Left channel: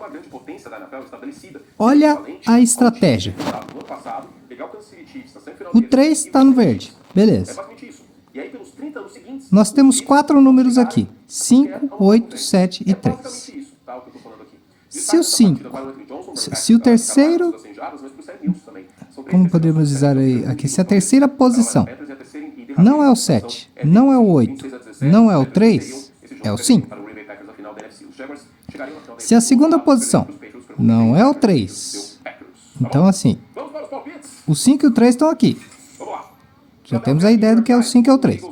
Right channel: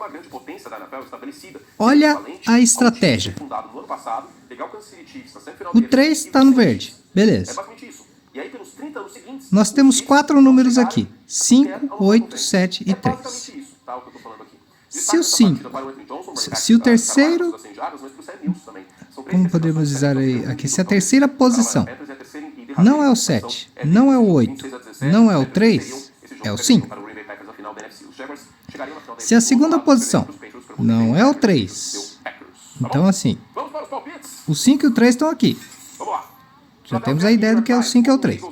uma grande potência da NFL estabelecida. Olha a estratégia. No ano passado, pegar o Kansas City Chiefs na semifinal O 3 está no verde. É Beleza. basicamente isso. E aí, pelos 30 anos seguintes, Nós temos 4 números aqui. 5, 8, 7 e 3. basicamente isso, tá? O que eu tô falando aqui. Se o 5... Se o terceiro... Como podemos dizer aí aqui? Se a terceira posição não é o 7, não é o 8, não é o 3, é o 5. Se a segunda posição não é o 3, então assim, o 5 e o 3 estão aqui. Já temos a ideia do que é o 5 e o 3.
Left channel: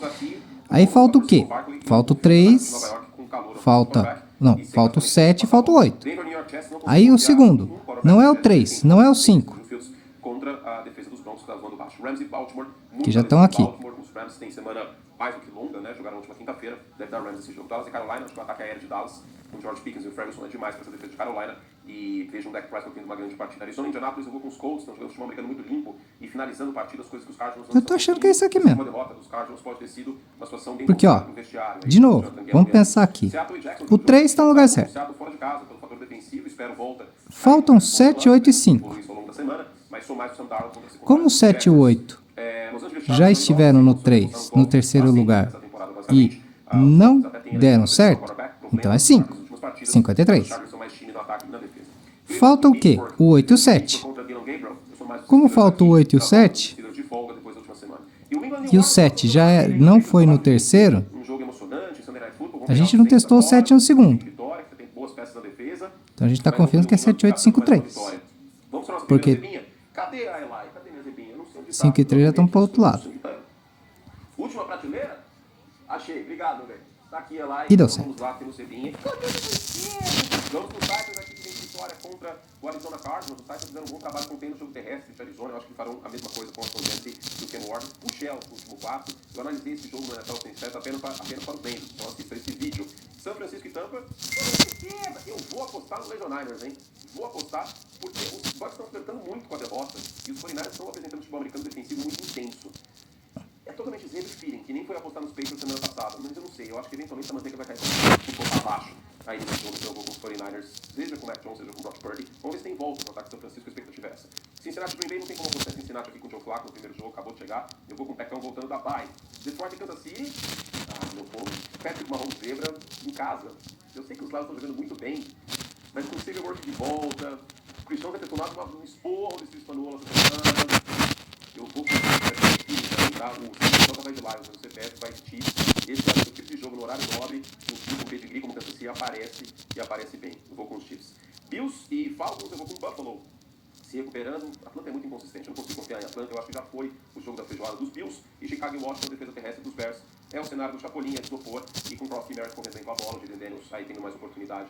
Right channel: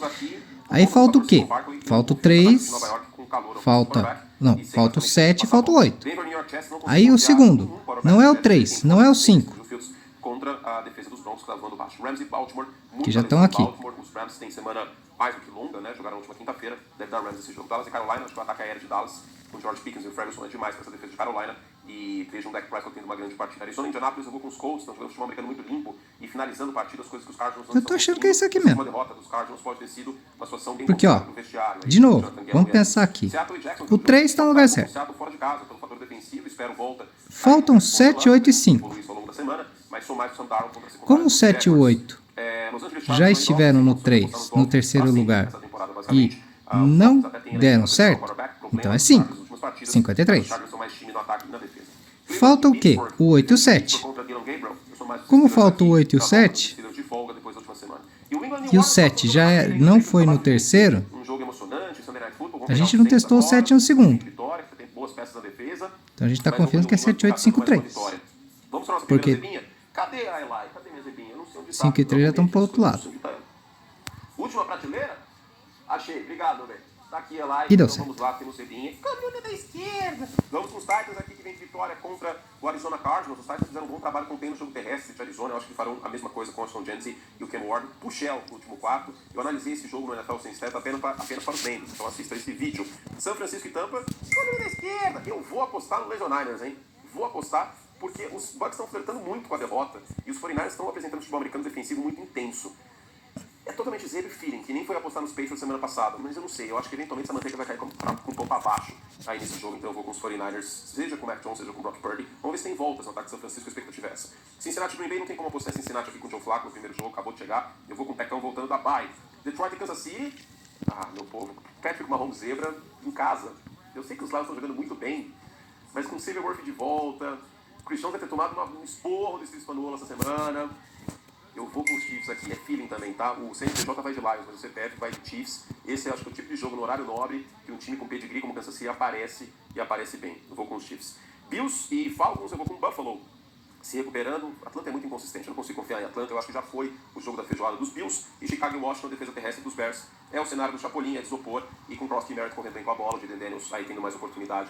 Aí falta o quê? Falta o 3, falta o 7 e falta o 8. Aí o segundo, não é o 3, não é o 5. Que já estão aqui. Os Rams têm semana mais do que longa, né? Jogaram na última quinta-feira. Deve dar Rams esse jogo. Dallas e Carolina, acho que o ataque aéreo de Dallas, com o George Pickens e o Ferguson é demais para essa defesa de Carolina. E vejo um Dak Prescott tendo uma grande partida. Arizona e Indianapolis, eu vou com os Colts, estão jogando futebol americano muito limpo e finalizando partidas, coisas que os Cardinals não. Eu tô achando que é isso aqui mesmo. Uma derrota dos Cardinals pode ter sido uma situação bem Porque, ó, de novo, vamos pensar aqui. O 3 está no lugar certo. Faltam 7, 8 e 5. Como o 7 e o 8 já estiveram no 3, no terceiro lugar, e não deram certo, então é 5. 53. Falta o quê? O 8 e o 7. Como falta o 8 e o 7, e o 7 já não foi no terceiro, a gente não testou o 7 no segundo. Então a gente está confiando que é 7, 8, 5, 3. Porque 5 e 3 já estão para o outro lado. Última prateleira? Achei, obrigado, velho. Tá aqui, Eli. E deu certo. Vamos lá, temos Cebinha. Vamos com os Titans aqui, que vem de vitória contra o Arizona Cardinals. Os Titans fizeram um bom trabalho contendo o jogo terrestre de Arizona. Eu acho que farão a mesma coisa com o Anton Jensen e o Ken Ward. O Shell, no último quarto. Eu analisei esse jogo no NFL Sem Certo apenas para os membros. Então assista esse vídeo. São Francisco e Tampa. Eu vou apostar no Legion Niners, hein? Vou apostar porque os Bucks estão flertando muito com a derrota e os 49ers estão apresentando um futebol americano defensivo muito intenso. É totalmente zebra feeling, que nem foi apostar nos Patriots semana passada, mas eu não sei, eu acho que eventualmente a manteiga vai cair um pouco abaixo aí nesse jogo, então eu vou com os 49ers, seja com o Mac Jones, seja com o Brock Purdy. Vamos ver se tem voltas no ataque de São Francisco, a expectativa é essa. Cincinnati Green Bay, não tem como apostar Cincinnati aqui com o Joe Flacco no primeiro jogo, acabou de chegar, eu vou com o Pecão voltando da bye. Detroit e Kansas City, meu povo, Patrick Mahomes zebra em casa. Eu sei que os Lions estão jogando muito bem, mas com o Xavier Worthy de volta, o Christian vai ter tomado um esporro desse Hispaniola essa semana. Eu vou com o feeling também, tá? O CPJ vai de Lions, mas o CPF vai de Chiefs. Esse é o tipo de jogo no horário nobre, e um time com pedigree como Kansas City aparece, e aparece bem. Eu vou com os Chiefs. Bills e Falcons, eu vou com o Buffalo. Se recuperando, Atlanta é muito inconsistente, eu não consigo confiar em Atlanta, eu acho que já foi o jogo da feijoada dos Bills, e Chicago e Washington, defesa terrestre dos Bears. É o cenário do Chapolin, é de isopor, e com o Cross Merritt correndo bem com a bola, o Jaden Daniels aí tendo mais oportunidade.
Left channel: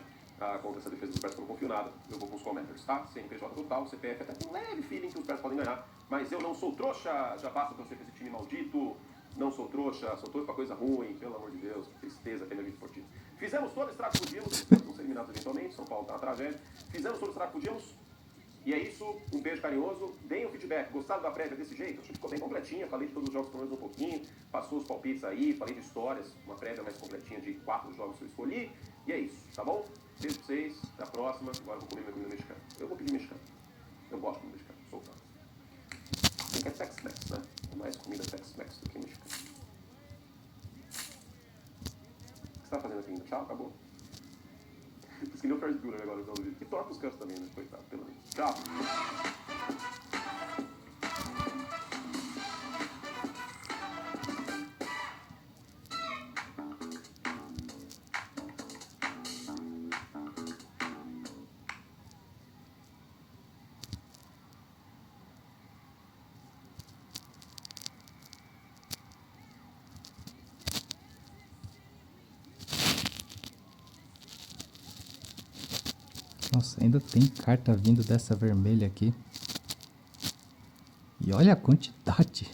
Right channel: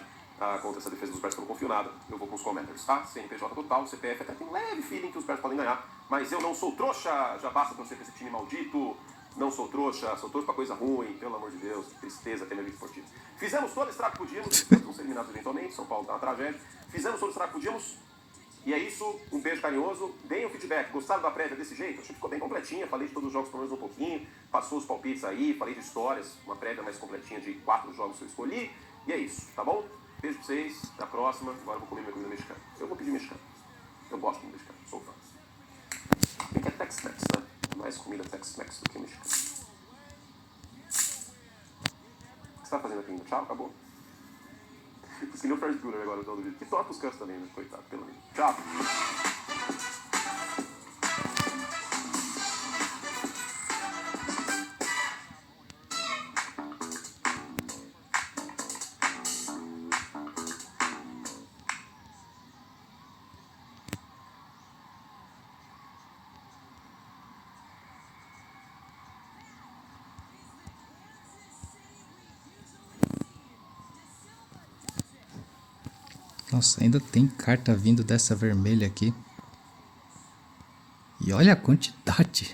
Contra essa defesa dos Bears que eu não confio nada, eu vou com os Commanders, tá? CNPJ total, CPF até com um leve feeling que os Bears podem ganhar, mas eu não sou trouxa, já basta torcer pra esse time maldito, não sou trouxa, sou trouxa pra coisa ruim, pelo amor de Deus, que tristeza ter minha vida esportiva. Fizemos todo o estrago que podíamos, vamos ser eliminados eventualmente, São Paulo tá uma tragédia, fizemos todo o estrago que podíamos, e é isso, um beijo carinhoso, deem o feedback, gostaram da prévia desse jeito? Acho que ficou bem completinha, falei de todos os jogos pelo menos um pouquinho, passou os palpites aí, falei de histórias, uma prévia mais completinha de 4 jogos que eu escolhi, e é isso, tá bom? Beijo pra vocês, até a próxima. Agora eu vou comer minha comida mexicana. Eu vou pedir mexicano. Eu gosto de comida mexicana, sou fã. Tem que é Tex-Mex, né? Mais comida Tex-Mex do que mexicana. O que você tá fazendo aqui ainda? Tchau, acabou? Fiz que nem o Ferris Bueller agora, no vídeo. E toca os cantos também, né? Coitado, pelo menos. Tchau. Nossa, ainda tem carta vindo dessa vermelha aqui. E olha a quantidade.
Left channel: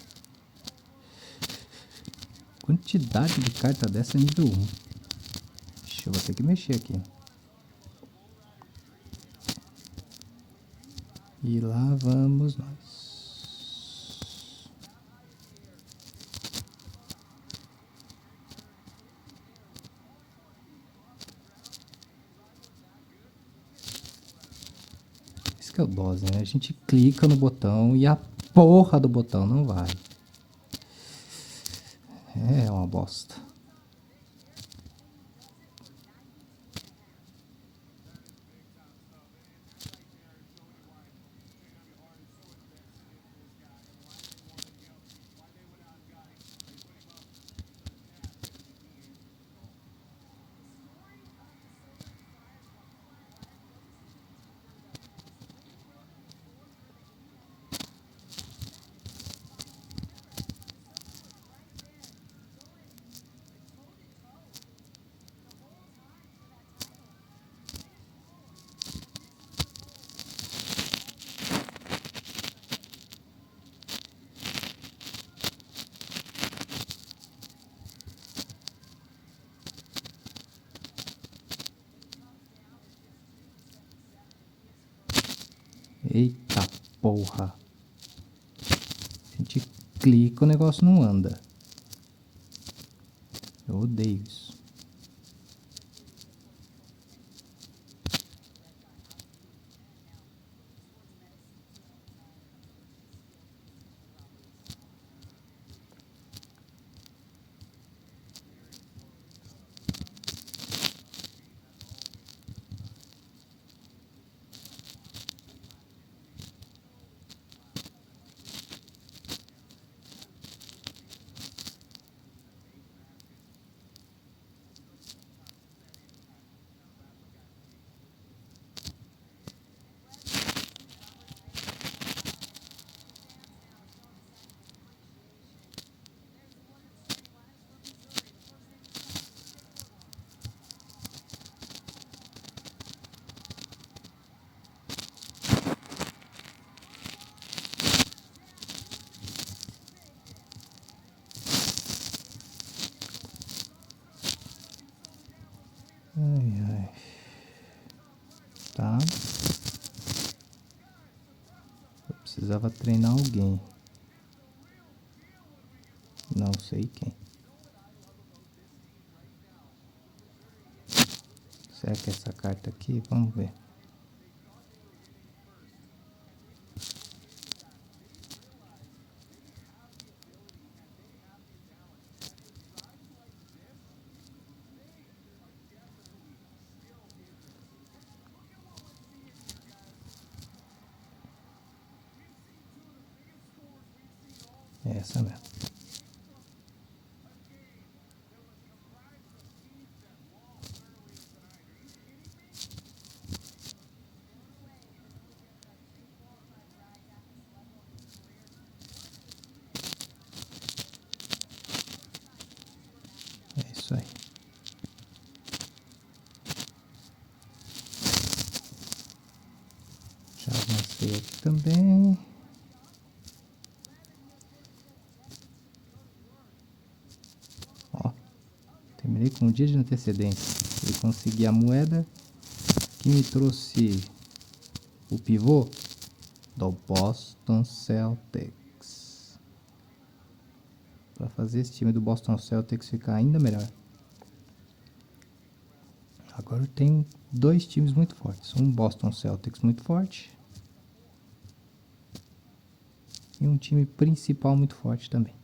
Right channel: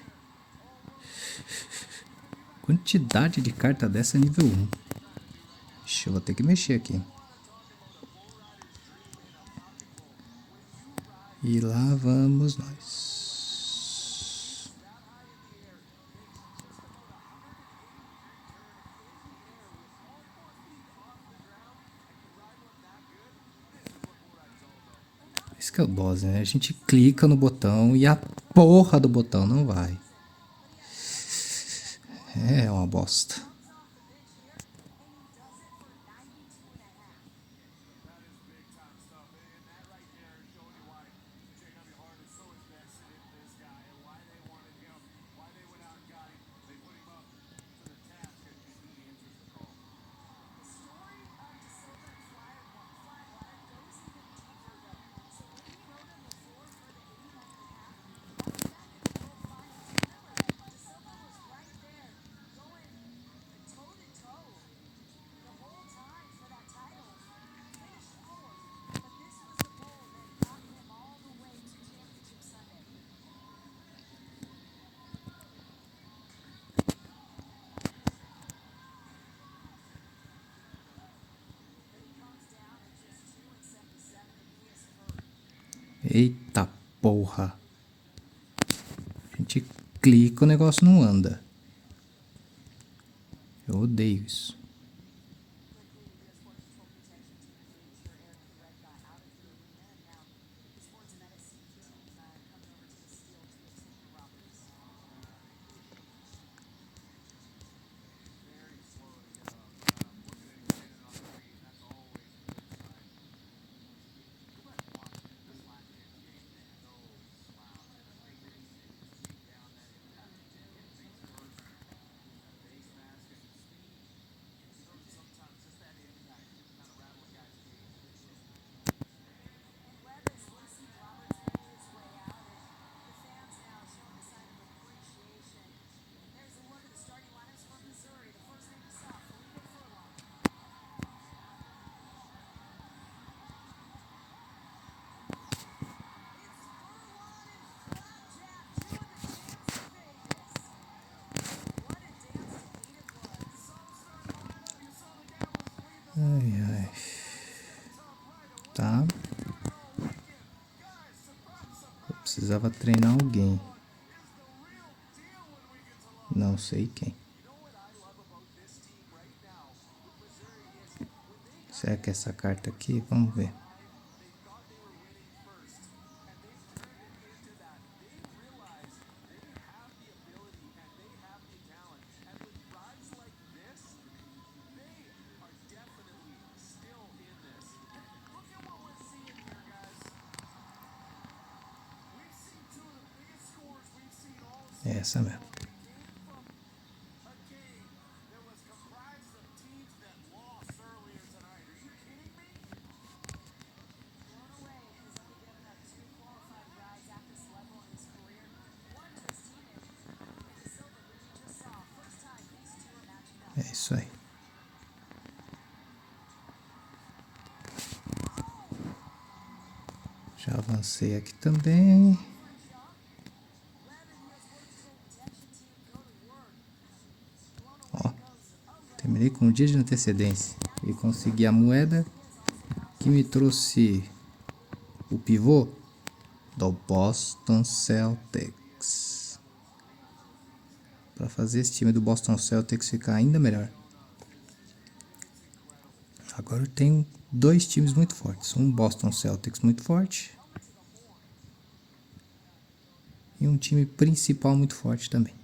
Quantidade de carta dessa nível 1. Ixi, eu vou ter que mexer aqui. E lá vamos nós. que é o dose, né? A gente clica no botão e a porra do botão não vai. É uma bosta. Eita porra. A gente clica, o negócio não anda. Eu odeio isso. Ai, ai. Tá. Eu precisava treinar alguém. Não sei quem. Será que é essa carta aqui? Vamos ver. É essa mesmo. É isso aí. Já avancei aqui também. Ó, terminei com um dia de antecedência. Eu consegui a moeda que me trouxe o pivô do Boston Celtics. Para fazer esse time do Boston Celtics ficar ainda melhor. Agora eu tenho dois times muito fortes. Um Boston Celtics muito forte. E um time principal muito forte também.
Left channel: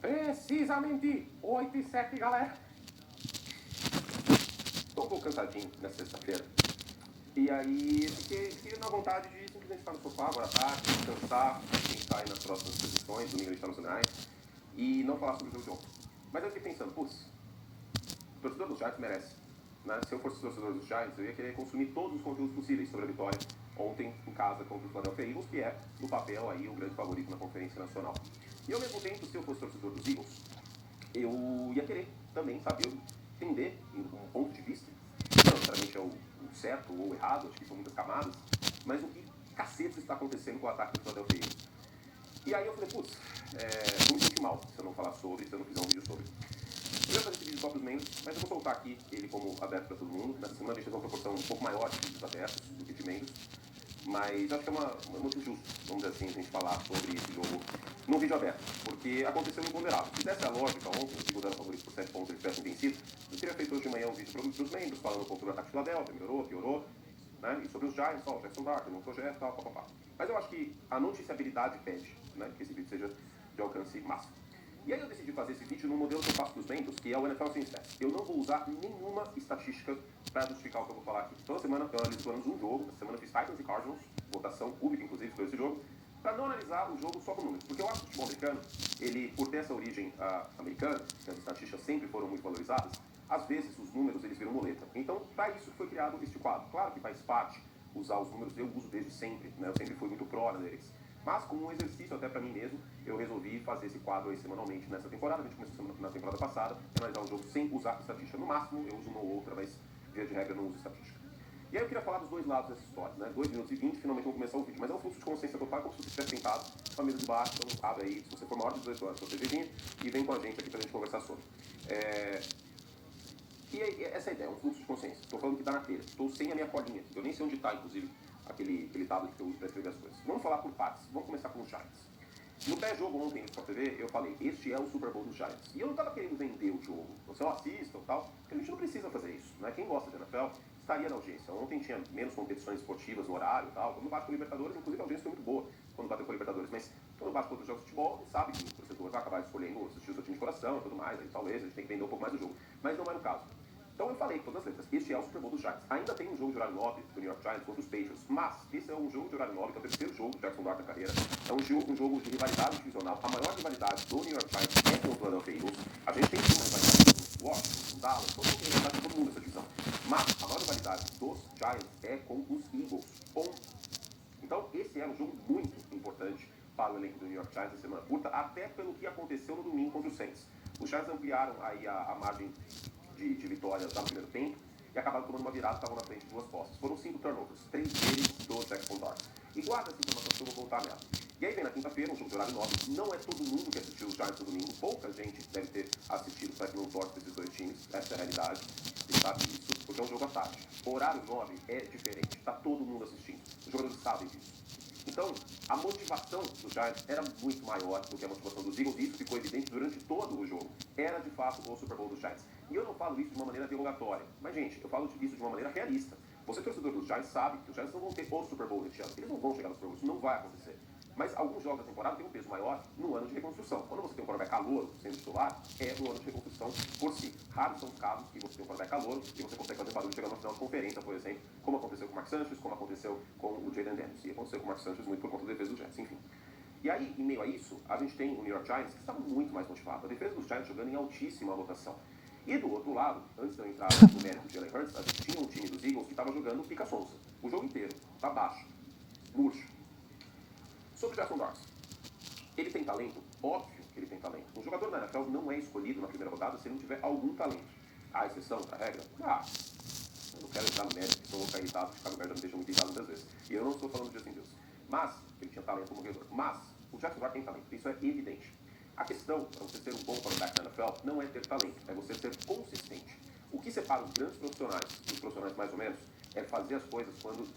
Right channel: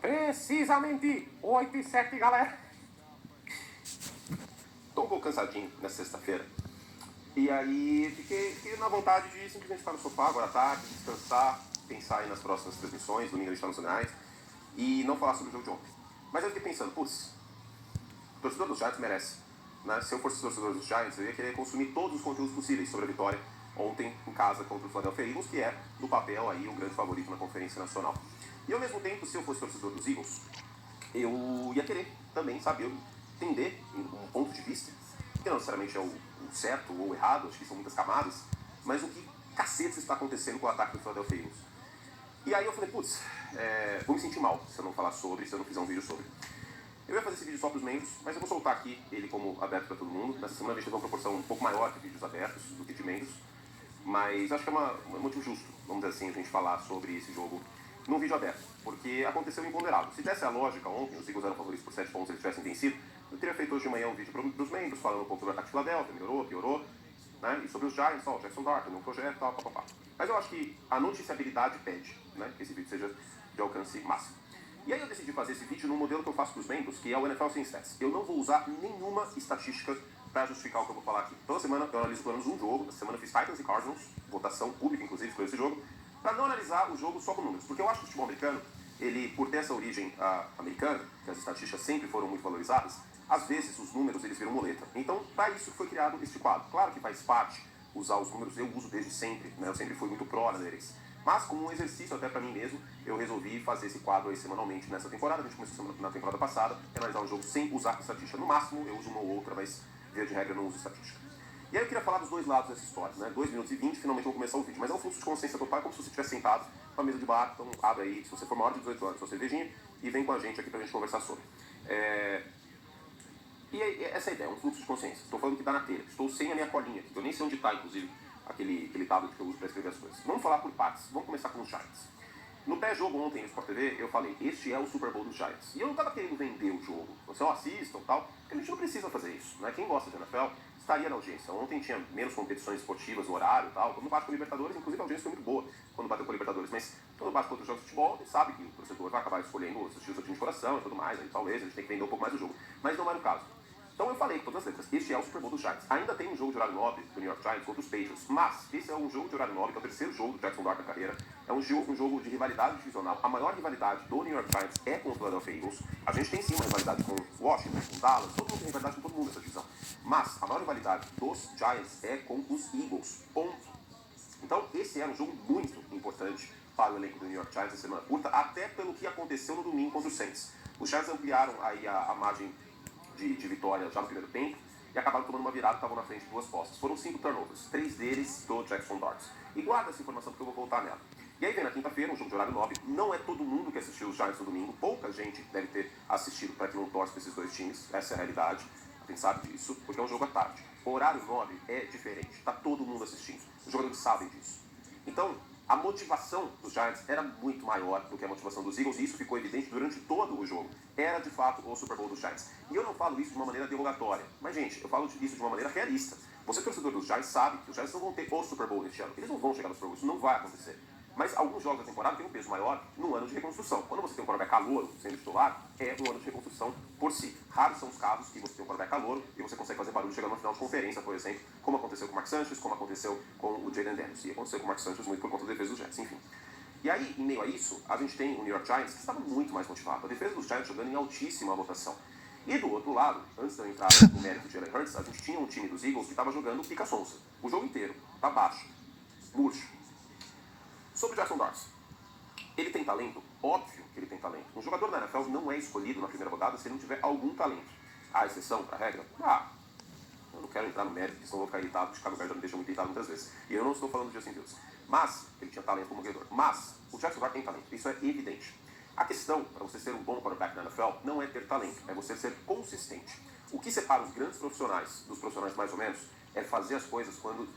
Precisamente 8 e 7, galera. Tô um pouco cansadinho nessa sexta-feira. E aí fiquei na vontade de simplesmente ficar no sofá agora à tarde, descansar, pensar aí nas próximas transmissões, domingo internacionais. e não falar sobre o jogo de ontem. Mas eu fiquei pensando, putz, o torcedor dos Giants merece. Né? Se eu fosse torcedor dos Giants, eu ia querer consumir todos os conteúdos possíveis sobre a vitória ontem em casa contra o Philadelphia Eagles, que é, no papel, aí, o grande favorito na Conferência Nacional. E, ao mesmo tempo, se eu fosse torcedor dos Eagles, eu ia querer também saber, entender um ponto de vista, não necessariamente é o certo ou o errado, acho que são muitas camadas, mas o que cacete está acontecendo com o ataque do Philadelphia Eagles. E aí eu falei, putz, vou me sentir mal se eu não falar sobre, se eu não fizer um vídeo sobre. Eu ia fazer esse vídeo só para os membros, mas eu vou soltar aqui ele como aberto para todo mundo. Nessa semana a gente teve uma proporção um pouco maior de vídeos abertos do que de membros, mas acho que é muito justo, vamos dizer assim, a gente falar sobre esse jogo no vídeo aberto, porque aconteceu imponderável. Se tivesse a lógica ontem, os Eagles eram favoritos por 7 pontos, eles tivessem vencido, eu teria feito hoje de manhã um vídeo para os membros, falando um pouco sobre o ataque de Philadelphia, melhorou, piorou, né? E sobre os Giants, o Jackson Dart, no projeto, tal, papapá. Mas eu acho que a noticiabilidade pede, né, que esse vídeo seja de alcance máximo. E aí eu decidi fazer esse vídeo no modelo que eu faço para os membros, que é o NFL Sem Stats. Eu não vou usar nenhuma estatística para justificar o que eu vou falar aqui. Toda semana eu analiso pelo menos um jogo. Essa semana eu fiz Titans e Cardinals, votação pública, inclusive, sobre esse jogo, para não analisar o jogo só com números. Porque eu acho que o futebol americano, ele, por ter essa origem americana, que as estatísticas sempre foram muito valorizadas, às vezes os números eles viram muleta. Então, para isso foi criado este quadro. Claro que faz parte usar os números, eu uso desde sempre, né? Eu sempre fui muito pró-analytics. Mas, como um exercício até para mim mesmo, eu resolvi fazer esse quadro aí semanalmente nessa temporada. A gente começou na temporada passada, analisar um jogo sem usar estatística. No máximo, eu uso uma ou outra, mas, via de regra, eu não uso estatística. E aí eu queria falar dos dois lados dessa história, né? 2 minutos e 20, finalmente eu vou começar o vídeo. Mas é um fluxo de consciência total, é como se você estivesse sentado com a mesa de bar. Então, abre aí, se você for maior de 18 anos, sua cervejinha, e vem com a gente aqui pra gente conversar sobre. E essa é a ideia, é um fluxo de consciência. Estou falando que está na telha. Estou sem a minha colinha aqui, eu nem sei onde está, inclusive, aquele tablet que eu uso para escrever as coisas. Vamos falar por partes. Vamos começar com os Giants. No pré-jogo ontem no Sport TV, eu falei, este é o Super Bowl dos Giants. E eu não estava querendo vender o jogo. Você assista ou tal, porque a gente não precisa fazer isso. Né? Quem gosta de NFL estaria na audiência. Ontem tinha menos competições esportivas no horário e tal. Quando bate com o Libertadores, inclusive a audiência foi muito boa quando bateu com o Libertadores. Mas quando bate com outros jogos de futebol, ele sabe que o torcedor vai acabar escolhendo assistir o seu time de coração e tudo mais. Aí talvez a gente tenha que vender um pouco mais o jogo. Mas não era o caso. Então eu falei com todas as letras, este é o Super Bowl dos Giants. Ainda tem um jogo de horário nobre do New York Giants contra os Patriots, mas esse é um jogo de horário nobre, que é o terceiro jogo do Jackson Dart na carreira. É um jogo de rivalidade divisional. A maior rivalidade do New York Giants é com o Philadelphia Eagles. A gente tem sim uma rivalidade com Washington, com Dallas, todo mundo tem rivalidade com todo mundo nessa divisão. Mas a maior rivalidade dos Giants é com os Eagles. Ponto. Então esse era um jogo muito importante para o elenco do New York Giants na semana curta, até pelo que aconteceu no domingo contra os Saints. Os Giants ampliaram aí a margem de vitória já no primeiro tempo e acabaram tomando uma virada e estavam na frente de 2 posses. Foram 5 turnovers, 3 deles do Jackson Dart. E guarda essa informação que eu vou voltar nela. E aí vem na quinta-feira, um jogo de horário nobre. Não é todo mundo que assistiu os Giants no domingo. Pouca gente deve ter assistido para que não torce desses dois times. Essa é a realidade. A gente sabe disso, porque é um jogo à tarde. O horário nobre é diferente. Está todo mundo assistindo. Os jogadores sabem disso. Então, a motivação dos Giants era muito maior do que a motivação dos Eagles, e isso ficou evidente durante todo o jogo. Era, de fato, o Super Bowl dos Giants. E eu não falo isso de uma maneira derrogatória, mas, gente, eu falo isso de uma maneira realista. Você, torcedor dos Giants, sabe que os Giants não vão ter o Super Bowl neste ano. Eles não vão chegar no Super Bowl, isso não vai acontecer. Mas alguns jogos da temporada têm um peso maior no ano de reconstrução. Quando você tem um quarterback calouro sendo titular, é um ano de reconstrução por si. Raros são os casos que você tem um quarterback calouro e você consegue fazer barulho chegando no final de conferência, por exemplo, como aconteceu com o Mark Sanchez, como aconteceu com o Jayden Daniels. E aconteceu com o Mark Sanchez muito por conta da defesa dos Giants, enfim. E aí, em meio a isso, a gente tem o New York Giants, que estava muito mais motivado. A defesa dos Giants jogando em altíssima rotação. E do outro lado, antes de eu entrar no mérito de Jalen Hurts, a gente tinha um time dos Eagles que estava jogando pica-sonsa. O jogo inteiro, tá baixo, murcho. Sobre o Jackson Dart. Ele tem talento? Óbvio que ele tem talento. Um jogador da NFL não é escolhido na primeira rodada se ele não tiver algum talento. Há exceção para a regra? Eu não quero entrar no mérito, porque sou louco irritado, o Chicago Bears já me deixa muito irritado muitas vezes. E eu não estou falando de Justin Fields. Mas, ele tinha talento como jogador. Mas, o Jackson Dart tem talento. Isso é evidente. A questão, para você ser um bom quarterback na NFL, não é ter talento, é você ser consistente. O que separa os grandes profissionais dos profissionais mais ou menos é fazer as coisas quando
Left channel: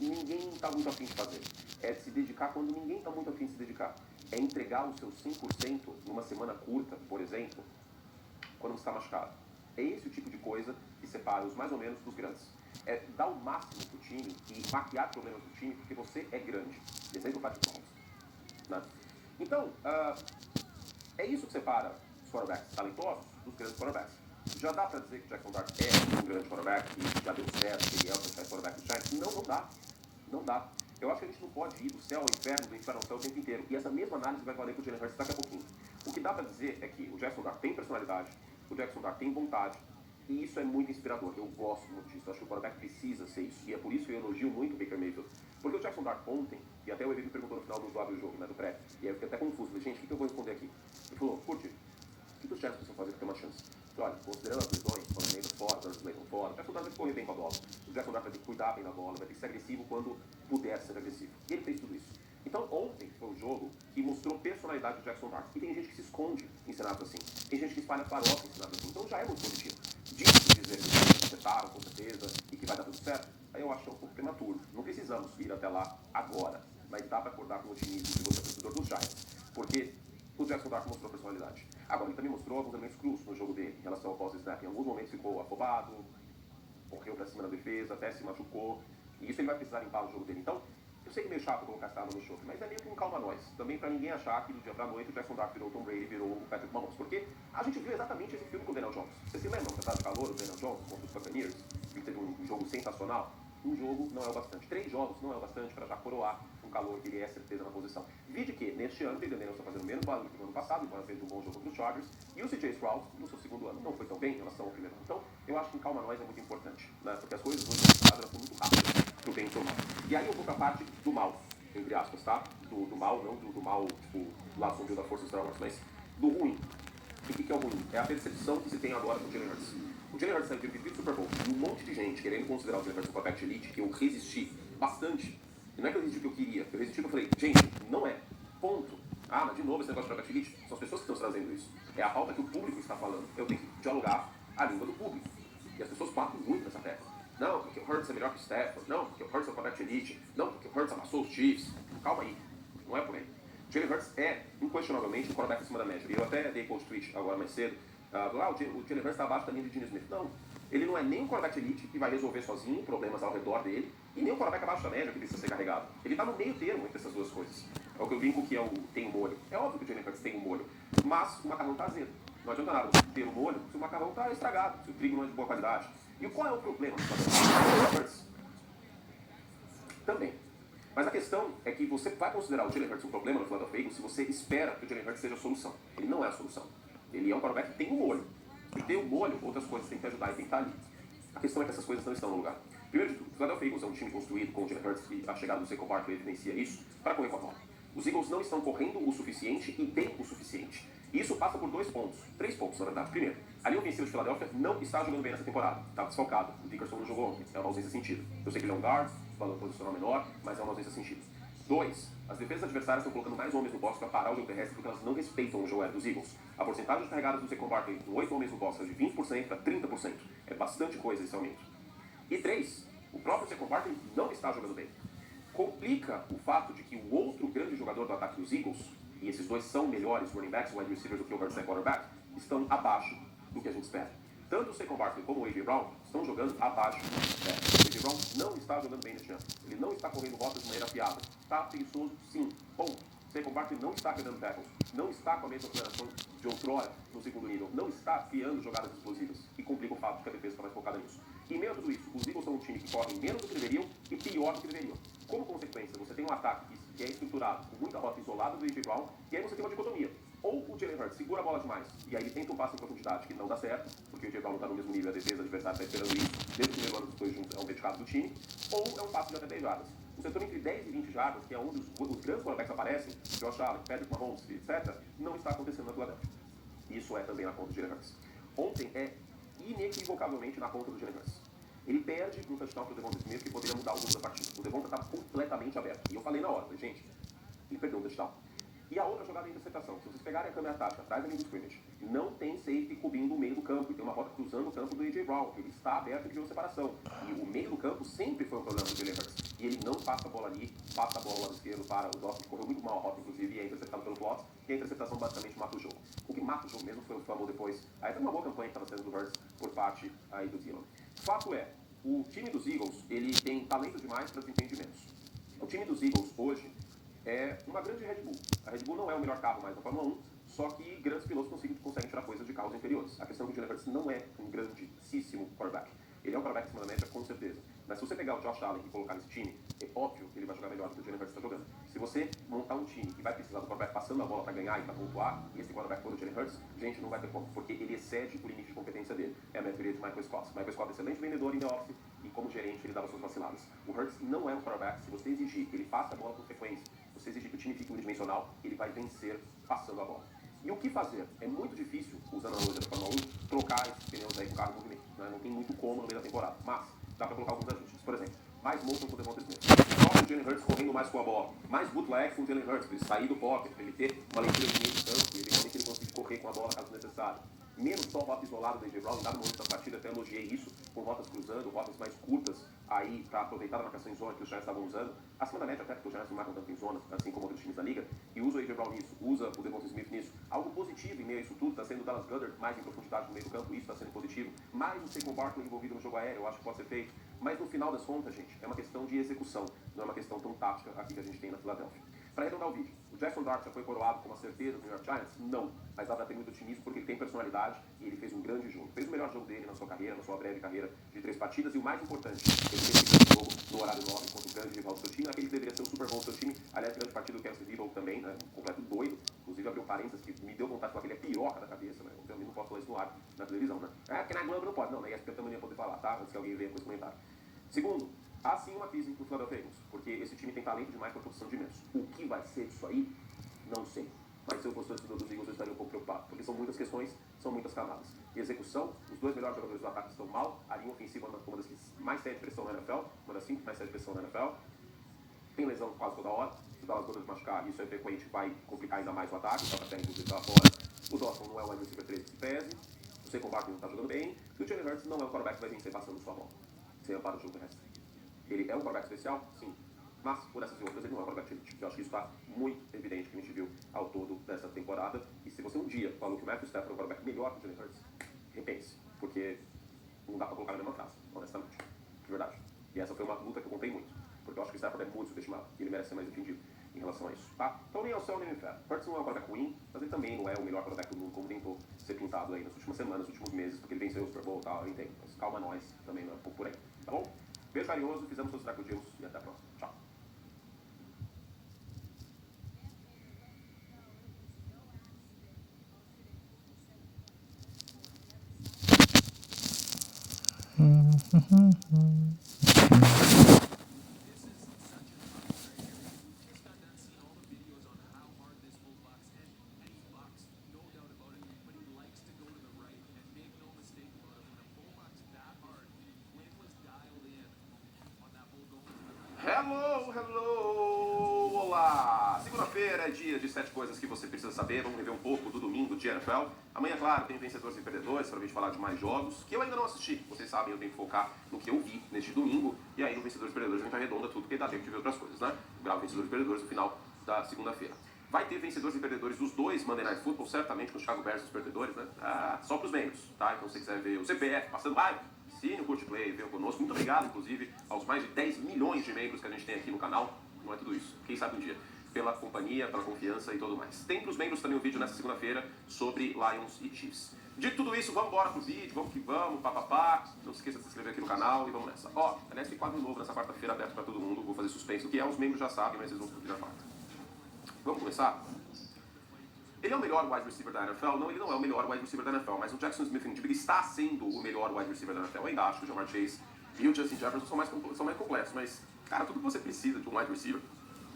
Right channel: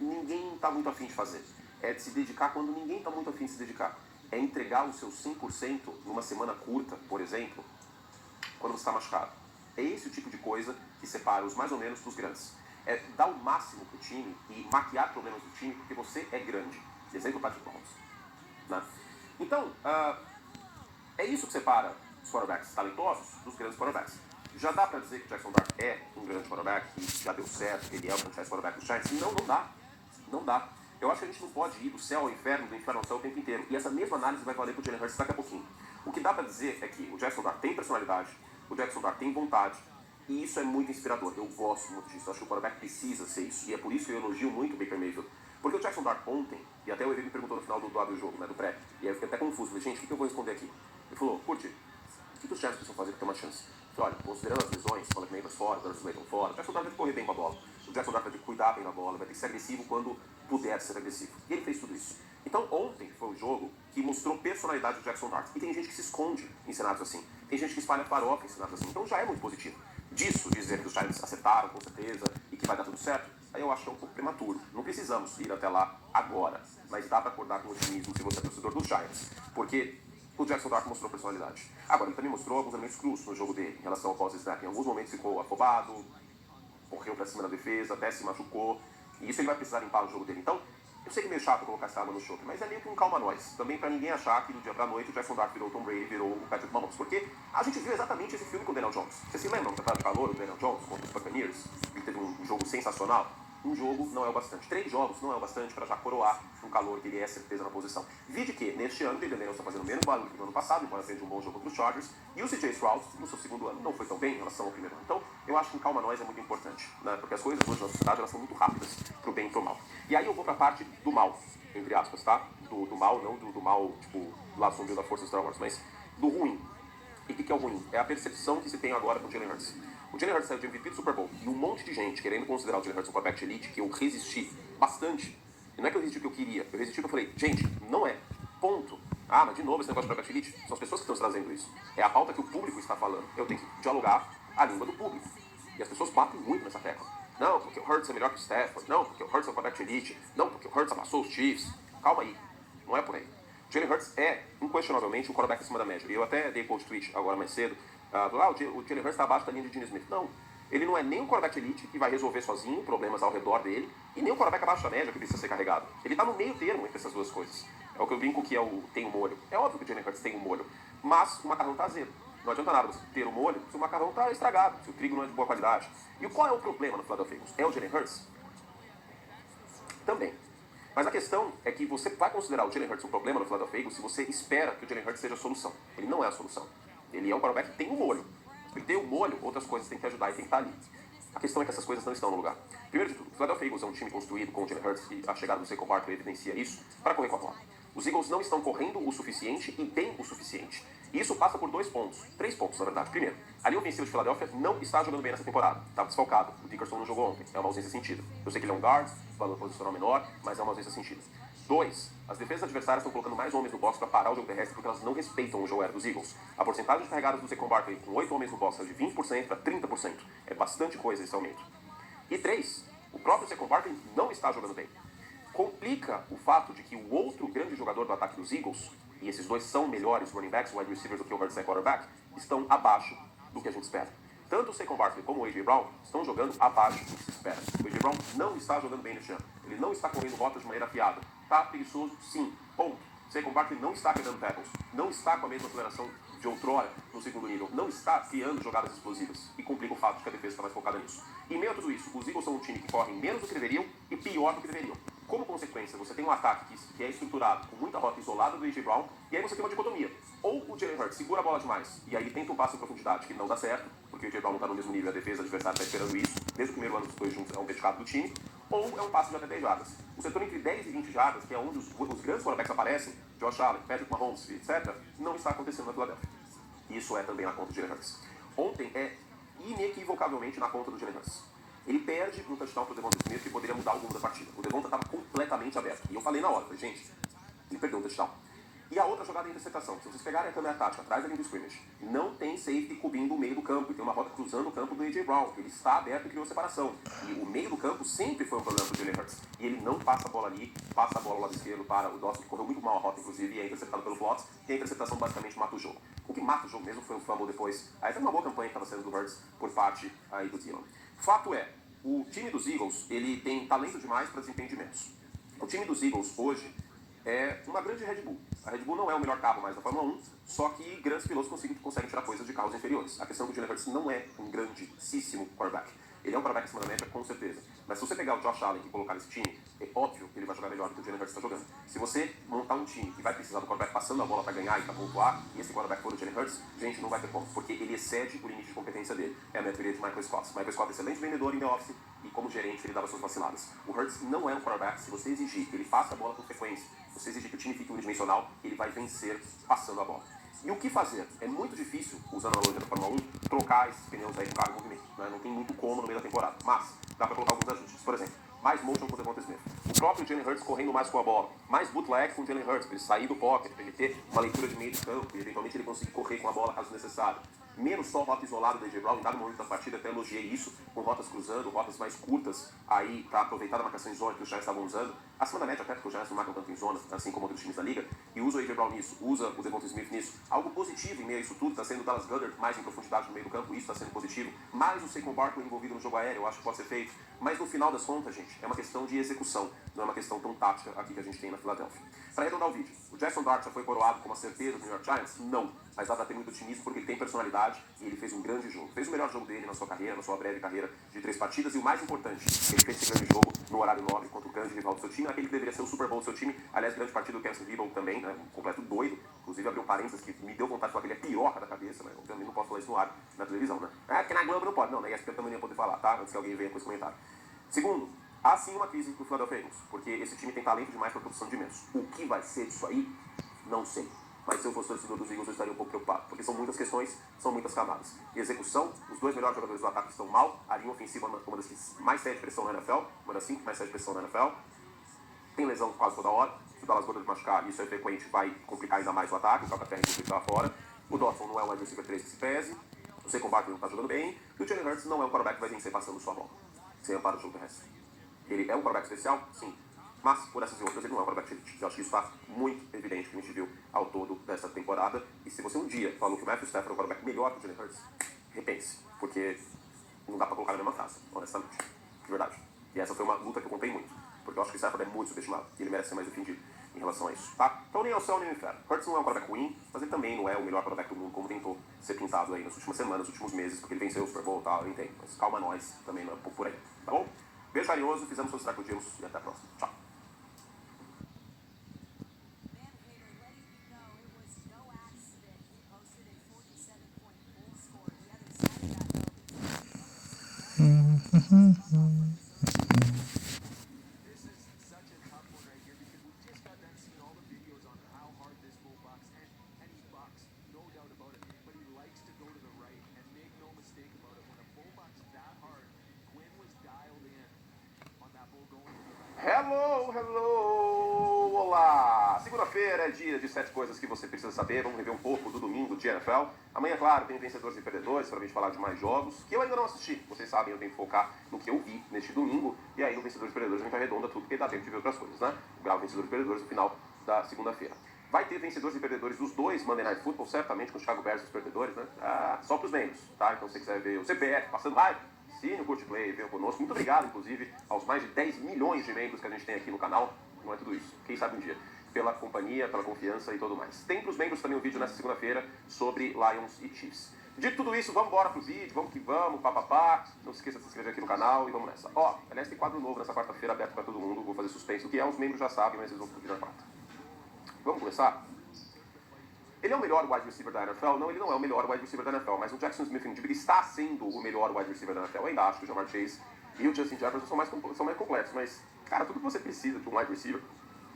ninguém está muito afim de fazer. É de se dedicar quando ninguém está muito afim de se dedicar. É entregar o seu 100% numa semana curta, por exemplo, quando você está machucado. É esse o tipo de coisa que separa os mais ou menos dos grandes. É dar o máximo pro time e maquiar problemas do time porque você é grande. Exemplo, Patrick Mahomes. Né? Então, é isso que separa os quarterbacks talentosos dos grandes quarterbacks. Já dá para dizer que o Jackson Dart é um grande quarterback, que já deu certo, que ele é o franchise quarterback do Giants? Não, não dá. Não dá. Eu acho que a gente não pode ir do céu ao inferno, do inferno ao céu o tempo inteiro. E essa mesma análise vai valer pro Jalen Hurts daqui a pouquinho. O que dá para dizer dizer é que o Jackson Dart tem personalidade, o Jackson Dart tem vontade, e isso é muito inspirador. Eu gosto muito disso. Eu acho que o quarterback precisa ser isso. E é por isso que eu elogio muito o Baker Mayfield. Porque o Jackson Dart ontem, e até o EV me perguntou no final do jogo, né, do pré, e aí eu fiquei até confuso. Falei, gente, o que eu vou responder aqui? Ele falou, Curti, o que os Giants precisam fazer para ter uma chance? Eu falei, olha, considerando as lesões, quando os Neighbors fora, quando os Slayton fora, o Jackson Dart vai ter que correr bem com a bola. O Jackson Dart vai ter que cuidar bem da bola, vai ter que ser agressivo quando puder ser agressivo. E ele fez tudo isso. Então ontem foi um jogo que mostrou personalidade do Jackson Dart. E tem gente que se esconde em cenários assim. Tem gente que espalha farofa em cenários assim. Então já é muito positivo. Disso dizer que os Giants acertaram com certeza e que vai dar tudo certo, aí eu acho que é um pouco prematuro. Não precisamos ir até lá agora. Mas dá para acordar com otimismo se você é torcedor dos Giants. Porque o Jackson Dart mostrou personalidade. Agora, ele também mostrou alguns elementos crus no jogo dele, em relação ao pós-snap. Em alguns momentos ficou afobado, correu pra cima da defesa, até se machucou. E isso ele vai precisar limpar no jogo dele. Então, eu sei que é meio chato colocar essa arma no choque, mas é meio que um calma-nós. Também pra ninguém achar que do dia pra noite o Jackson Dart virou o Tom Brady, virou o Patrick Mahomes. Porque a gente viu exatamente esse filme com o Daniel Jones. Vocês se lembram da de calor do Daniel Jones contra os Buccaneers? Ele teve um jogo sensacional. Um jogo não é o bastante. 3 jogos não é o bastante para já coroar um calor que ele é certeza na posição. Vide que, neste ano, o Daniel está fazendo menos barulho que no ano passado, embora seja um bom jogo contra os Chargers. E o CJ Stroud, no seu segundo ano, não foi tão bem em relação ao primeiro ano. Então, eu acho que um calma-nós é muito importante, né? Porque as coisas hoje na sociedade elas são muito rápidas, pro bem e pro mal. E aí eu vou pra parte do mal, entre aspas, tá? Do mal, não do mal, tipo, do lado sombrio da força dos Star Wars, mas do ruim. E o que é o ruim? É a percepção que se tem agora com o Jalen Hurts. O Jalen Hurts saiu de MVP do Super Bowl e um monte de gente querendo considerar o Jalen Hurts um quarterback de elite, que eu resisti bastante. E não é que eu resisti o que eu queria, eu resisti o que eu falei, gente, não é. Ponto. Ah, mas de novo esse negócio de quarterback de elite? São as pessoas que estão trazendo isso. É a pauta que o público está falando. Eu tenho que dialogar a língua do público. E as pessoas batem muito nessa tecla. Não, porque o Hurts é melhor que o Stafford. Não, porque o Hurts é um quarterback de elite. Não, porque o Hurts amassou os Chiefs. Calma aí. Não é por aí. Jalen Hurts é, inquestionavelmente, um quarterback acima da média. E eu até dei post tweet agora mais cedo. O Jalen Hurts está abaixo da linha de Gene Smith. Não. Ele não é nem um quarterback elite que vai resolver sozinho problemas ao redor dele, e nem um quarterback abaixo da média que precisa ser carregado. Ele está no meio termo entre essas duas coisas. É o que eu brinco que é o tem um molho. É óbvio que o Jalen Hurts tem um molho, mas o macarrão está azedo. Não adianta nada você ter o molho se o macarrão está estragado, se o trigo não é de boa qualidade. E qual é o problema no Philadelphia? É o Jalen Hurts? Também. Mas a questão é que você vai considerar o Jalen Hurts um problema no Philadelphia Eagles se você espera que o Jalen Hurts seja a solução. Ele não é a solução. Ele é um quarterback que tem um molho. E ter o molho, outras coisas têm que ajudar e tem que estar ali. A questão é que essas coisas não estão no lugar. Primeiro de tudo, o Philadelphia Eagles é um time construído com o Jalen Hurts, e a chegada do Saquon Barkley evidencia isso, para correr com a bola. Os Eagles não estão correndo o suficiente e bem o suficiente. E isso passa por 2 pontos. 3 pontos, na verdade. Primeiro, a linha ofensiva de Philadelphia não está jogando bem nessa temporada. Está desfalcado. O Dickerson não jogou ontem. É uma ausência sentida. Eu sei que ele é um guard, valor posicional menor, mas é uma ausência sentida. 2. As defesas adversárias estão colocando mais homens no box para parar o jogo terrestre porque elas não respeitam o jogo aéreo dos Eagles. A porcentagem de carregadas do Saquon Barkley com 8 homens no box é de 20% para 30%. É bastante coisa esse aumento. E 3. O próprio Saquon Barkley não está jogando bem. Complica o fato de que o outro grande jogador do ataque dos Eagles, e esses dois são melhores running backs, wide receivers do que o Hurts é quarterback, estão abaixo do que a gente espera. Tanto o Saquon Barkley como o A.J. Brown estão jogando abaixo do que se espera. O A.J. Brown não está jogando bem neste ano. Ele não está correndo rotas de maneira afiada. Está preguiçoso, sim. Ponto. Saquon Barkley não está quebrando tackles. Não está com a mesma aceleração de outrora no segundo nível. Não está criando jogadas explosivas. E complica o fato de que a defesa está mais focada nisso. E em meio a tudo isso, os Eagles são um time que corre menos do que deveriam e pior do que deveriam. Como consequência, você tem um ataque que é estruturado com muita rota isolada do A.J. Brown, e aí você tem uma dicotomia. Ou o Jalen Hurts segura a bola demais, e aí ele tenta um passe em profundidade, que não dá certo, porque o A.J. Brown não está no mesmo nível, a defesa adversária está esperando isso, desde o primeiro ano dos dois juntos é um dedicado do time, ou é um passe de até 10 jardas. O setor entre 10 e 20 jardas, que é onde os grandes quarterbacks aparecem, Josh Allen, Patrick Mahomes, etc., não está acontecendo na Philadelphia. Isso é também na conta do Jalen Hurts. Ontem é inequivocavelmente na conta do Jalen Hurts. Ele perde um touchdown pro Devonta Smith que poderia mudar o rumo da partida. O Devonta estava completamente aberto. E eu falei na hora, falei, gente, ele perdeu um touchdown. E a outra jogada é a interceptação. Se vocês pegarem a câmera tática atrás da linha do scrimmage, não tem safety cobrindo o meio do campo. E tem uma rota cruzando o campo do A.J. Brown. Ele está aberto e criou separação. E o meio do campo sempre foi um problema do Jalen Hurts. E ele não passa a bola ali, passa a bola ao lado esquerdo para o Dawson, que correu muito mal a rota, inclusive, e é interceptado pelo Flotz. E a interceptação basicamente mata o jogo. O que mata o jogo mesmo foi o fumble depois. Aí foi uma boa campanha que estava sendo do Hurts por parte aí do Dillon. Fato é, o time dos Eagles, ele tem talento demais para desempenho de menos. O time dos Eagles hoje é uma grande Red Bull. A Red Bull não é o melhor carro mais da Fórmula 1, só que grandes pilotos conseguem tirar coisas de carros inferiores. A questão é que o Jalen Hurts não é um grandíssimo quarterback. Ele é um quarterback acima da média, com certeza. Mas se você pegar o Josh Allen e colocar nesse time, é óbvio que ele vai jogar melhor do que o Jalen Hurts está jogando. Se você montar um time que vai precisar do quarterback passando a bola para ganhar e para pontuar, e esse quarterback for o Jalen Hurts, gente, não vai ter como, porque ele excede o limite de competência dele. É a teoria de Michael Scott. Michael Scott é excelente vendedor em the office e como gerente ele dava suas vaciladas. O Hurts não é um quarterback, se você exigir que ele passe a bola com frequência, se você exigir que o time fique unidimensional, ele vai vencer passando a bola. E o que fazer? É muito difícil, usando a analogia da Fórmula 1, trocar esses pneus aí com carro em movimento. Né? Não tem muito como no meio da temporada. Mas dá para colocar alguns ajustes. Por exemplo, mais motion com o Devonta Smith. O próprio Jalen Hurts correndo mais com a bola. Mais bootleg com o Jalen Hurts, para ele sair do pocket, para ele ter uma leitura de meio de campo e eventualmente ele conseguir correr com a bola caso necessário. Menos só rota isolada do A.J. Brown, em dado momento da partida até elogiei isso, com rotas cruzando, rotas mais curtas, aí para aproveitar a marcação em zona que os Giants estavam usando, acima da média até porque os Giants não marcam tanto em zona, assim como outros times da liga, e usa o A.J. Brown nisso, usa o Devonta Smith nisso. Algo positivo em meio a isso tudo está sendo o Dallas Goedert mais em profundidade no meio do campo, isso está sendo positivo, mais o Saquon Barkley envolvido no jogo aéreo, eu acho que pode ser feito, mas no final das contas, gente, é uma questão de execução, não é uma questão tão tática aqui que a gente tem na Filadélfia. Para arredondar o vídeo, o Jackson Dart já foi coroado como a certeza do New York Giants? Não, mas dá para ter muito otimismo porque ele tem personalidade e ele fez um grande jogo. Fez o melhor jogo dele na sua carreira, na sua breve carreira de 3 partidas e o mais importante, ele fez esse grande jogo no horário nobre contra o grande rival do seu time, aquele que deveria ser o Super Bowl do seu time. Aliás, grande partida do Kansas City também, né, um completo doido. Inclusive abriu parênteses que me deu vontade de falar que ele é piroca da cabeça, mas eu também não posso falar isso no ar, na televisão, né? É, porque na Globo não pode, não, na ESPN também não ia poder falar, tá? Antes que alguém venha com esse comentário. Segundo, há sim uma crise do Philadelphia Eagles, porque esse time tem talento demais para a produção de imenso. O que vai ser disso aí? Não sei. Mas se eu fosse torcedor dos Eagles, eu estaria um pouco preocupado, porque são muitas questões, são muitas camadas. E execução, os dois melhores jogadores do ataque estão mal, a linha ofensiva é uma das que mais cede pressão na NFL, uma das 5 que mais cede pressão na NFL, tem lesão quase toda hora, se o Dallas Goedert machucar, isso é frequente, vai complicar ainda mais o ataque, o Calcaterra inclusive está fora, o Dawson não é o wide receiver 3 que se pese, o Saquon Barkley não está jogando bem, e o Jalen Hurts não é um quarterback que vai vencer passando sua bola, sem amparo do jogo terrestre. Ele é um quarterback especial? Sim. Mas, por essas e outras, ele não é um quarterback elite. Eu acho que isso está muito evidente que a gente viu ao todo dessa temporada. E se você um dia falou que o Matthew Stafford é um quarterback melhor que o Jalen Hurts, repense. Porque não dá pra colocar na mesma frase, honestamente. De verdade. E essa foi uma luta que eu contei muito. Porque eu acho que o Stafford é muito subestimado. E ele merece ser mais defendido em relação a isso, tá? Então nem ao céu nem ao inferno. Hurts não é um quarterback ruim, mas ele também não é o melhor quarterback do mundo, como tentou ser pintado aí nas últimas semanas, nos últimos meses, porque ele venceu o Super Bowl e tal, eu entendo. Mas calma nós, também não é por aí, tá bom? Beijo carinhoso, fizemos todos os crocodilos e até a próxima. Tchau. Hello, hello, olá! Segunda-feira é dia de 7 coisas que você precisa saber. Vamos rever um pouco do domingo de NFL. Amanhã, claro, tem vencedores e perdedores para a gente falar de mais jogos que eu ainda não assisti. Vocês sabem, eu tenho que focar no que eu vi neste domingo. E aí, no vencedores e perdedores, a gente arredonda tudo, porque dá tempo de ver outras coisas, né? Gravo vencedores e perdedores no final da segunda-feira. Vai ter vencedores e perdedores dos dois Monday Night Football, certamente, com o Chicago Bears e os perdedores, né? Só para os membros, tá? Então, se você quiser ver o CPF passando raiva, assine o Curte Play, venha conosco. Muito obrigado, inclusive, aos mais de 10 milhões de membros que a gente tem aqui no canal. Não é tudo isso, quem sabe um dia. Pela companhia, pela confiança e tudo mais. Tem para os membros também um vídeo nessa segunda-feira sobre Lions e Chiefs. Dito tudo isso, vamos embora pro vídeo, vamos que vamos, papapá. Não se esqueça de se inscrever aqui no canal e vamos nessa. Ó, aliás, tem quadro novo nessa quarta-feira aberto para todo mundo. Vou fazer suspense. O que é, os membros já sabem, mas eles vão descobrir na quarta. Vamos começar? Ele é o melhor wide receiver da NFL? Não, ele não é o melhor wide receiver da NFL, mas o Jackson Smith-Njigba está sendo o melhor wide receiver da NFL. Eu ainda acho que o Jamar Chase e o Justin Jefferson são mais completos, mas, cara, tudo que você precisa de um wide receiver,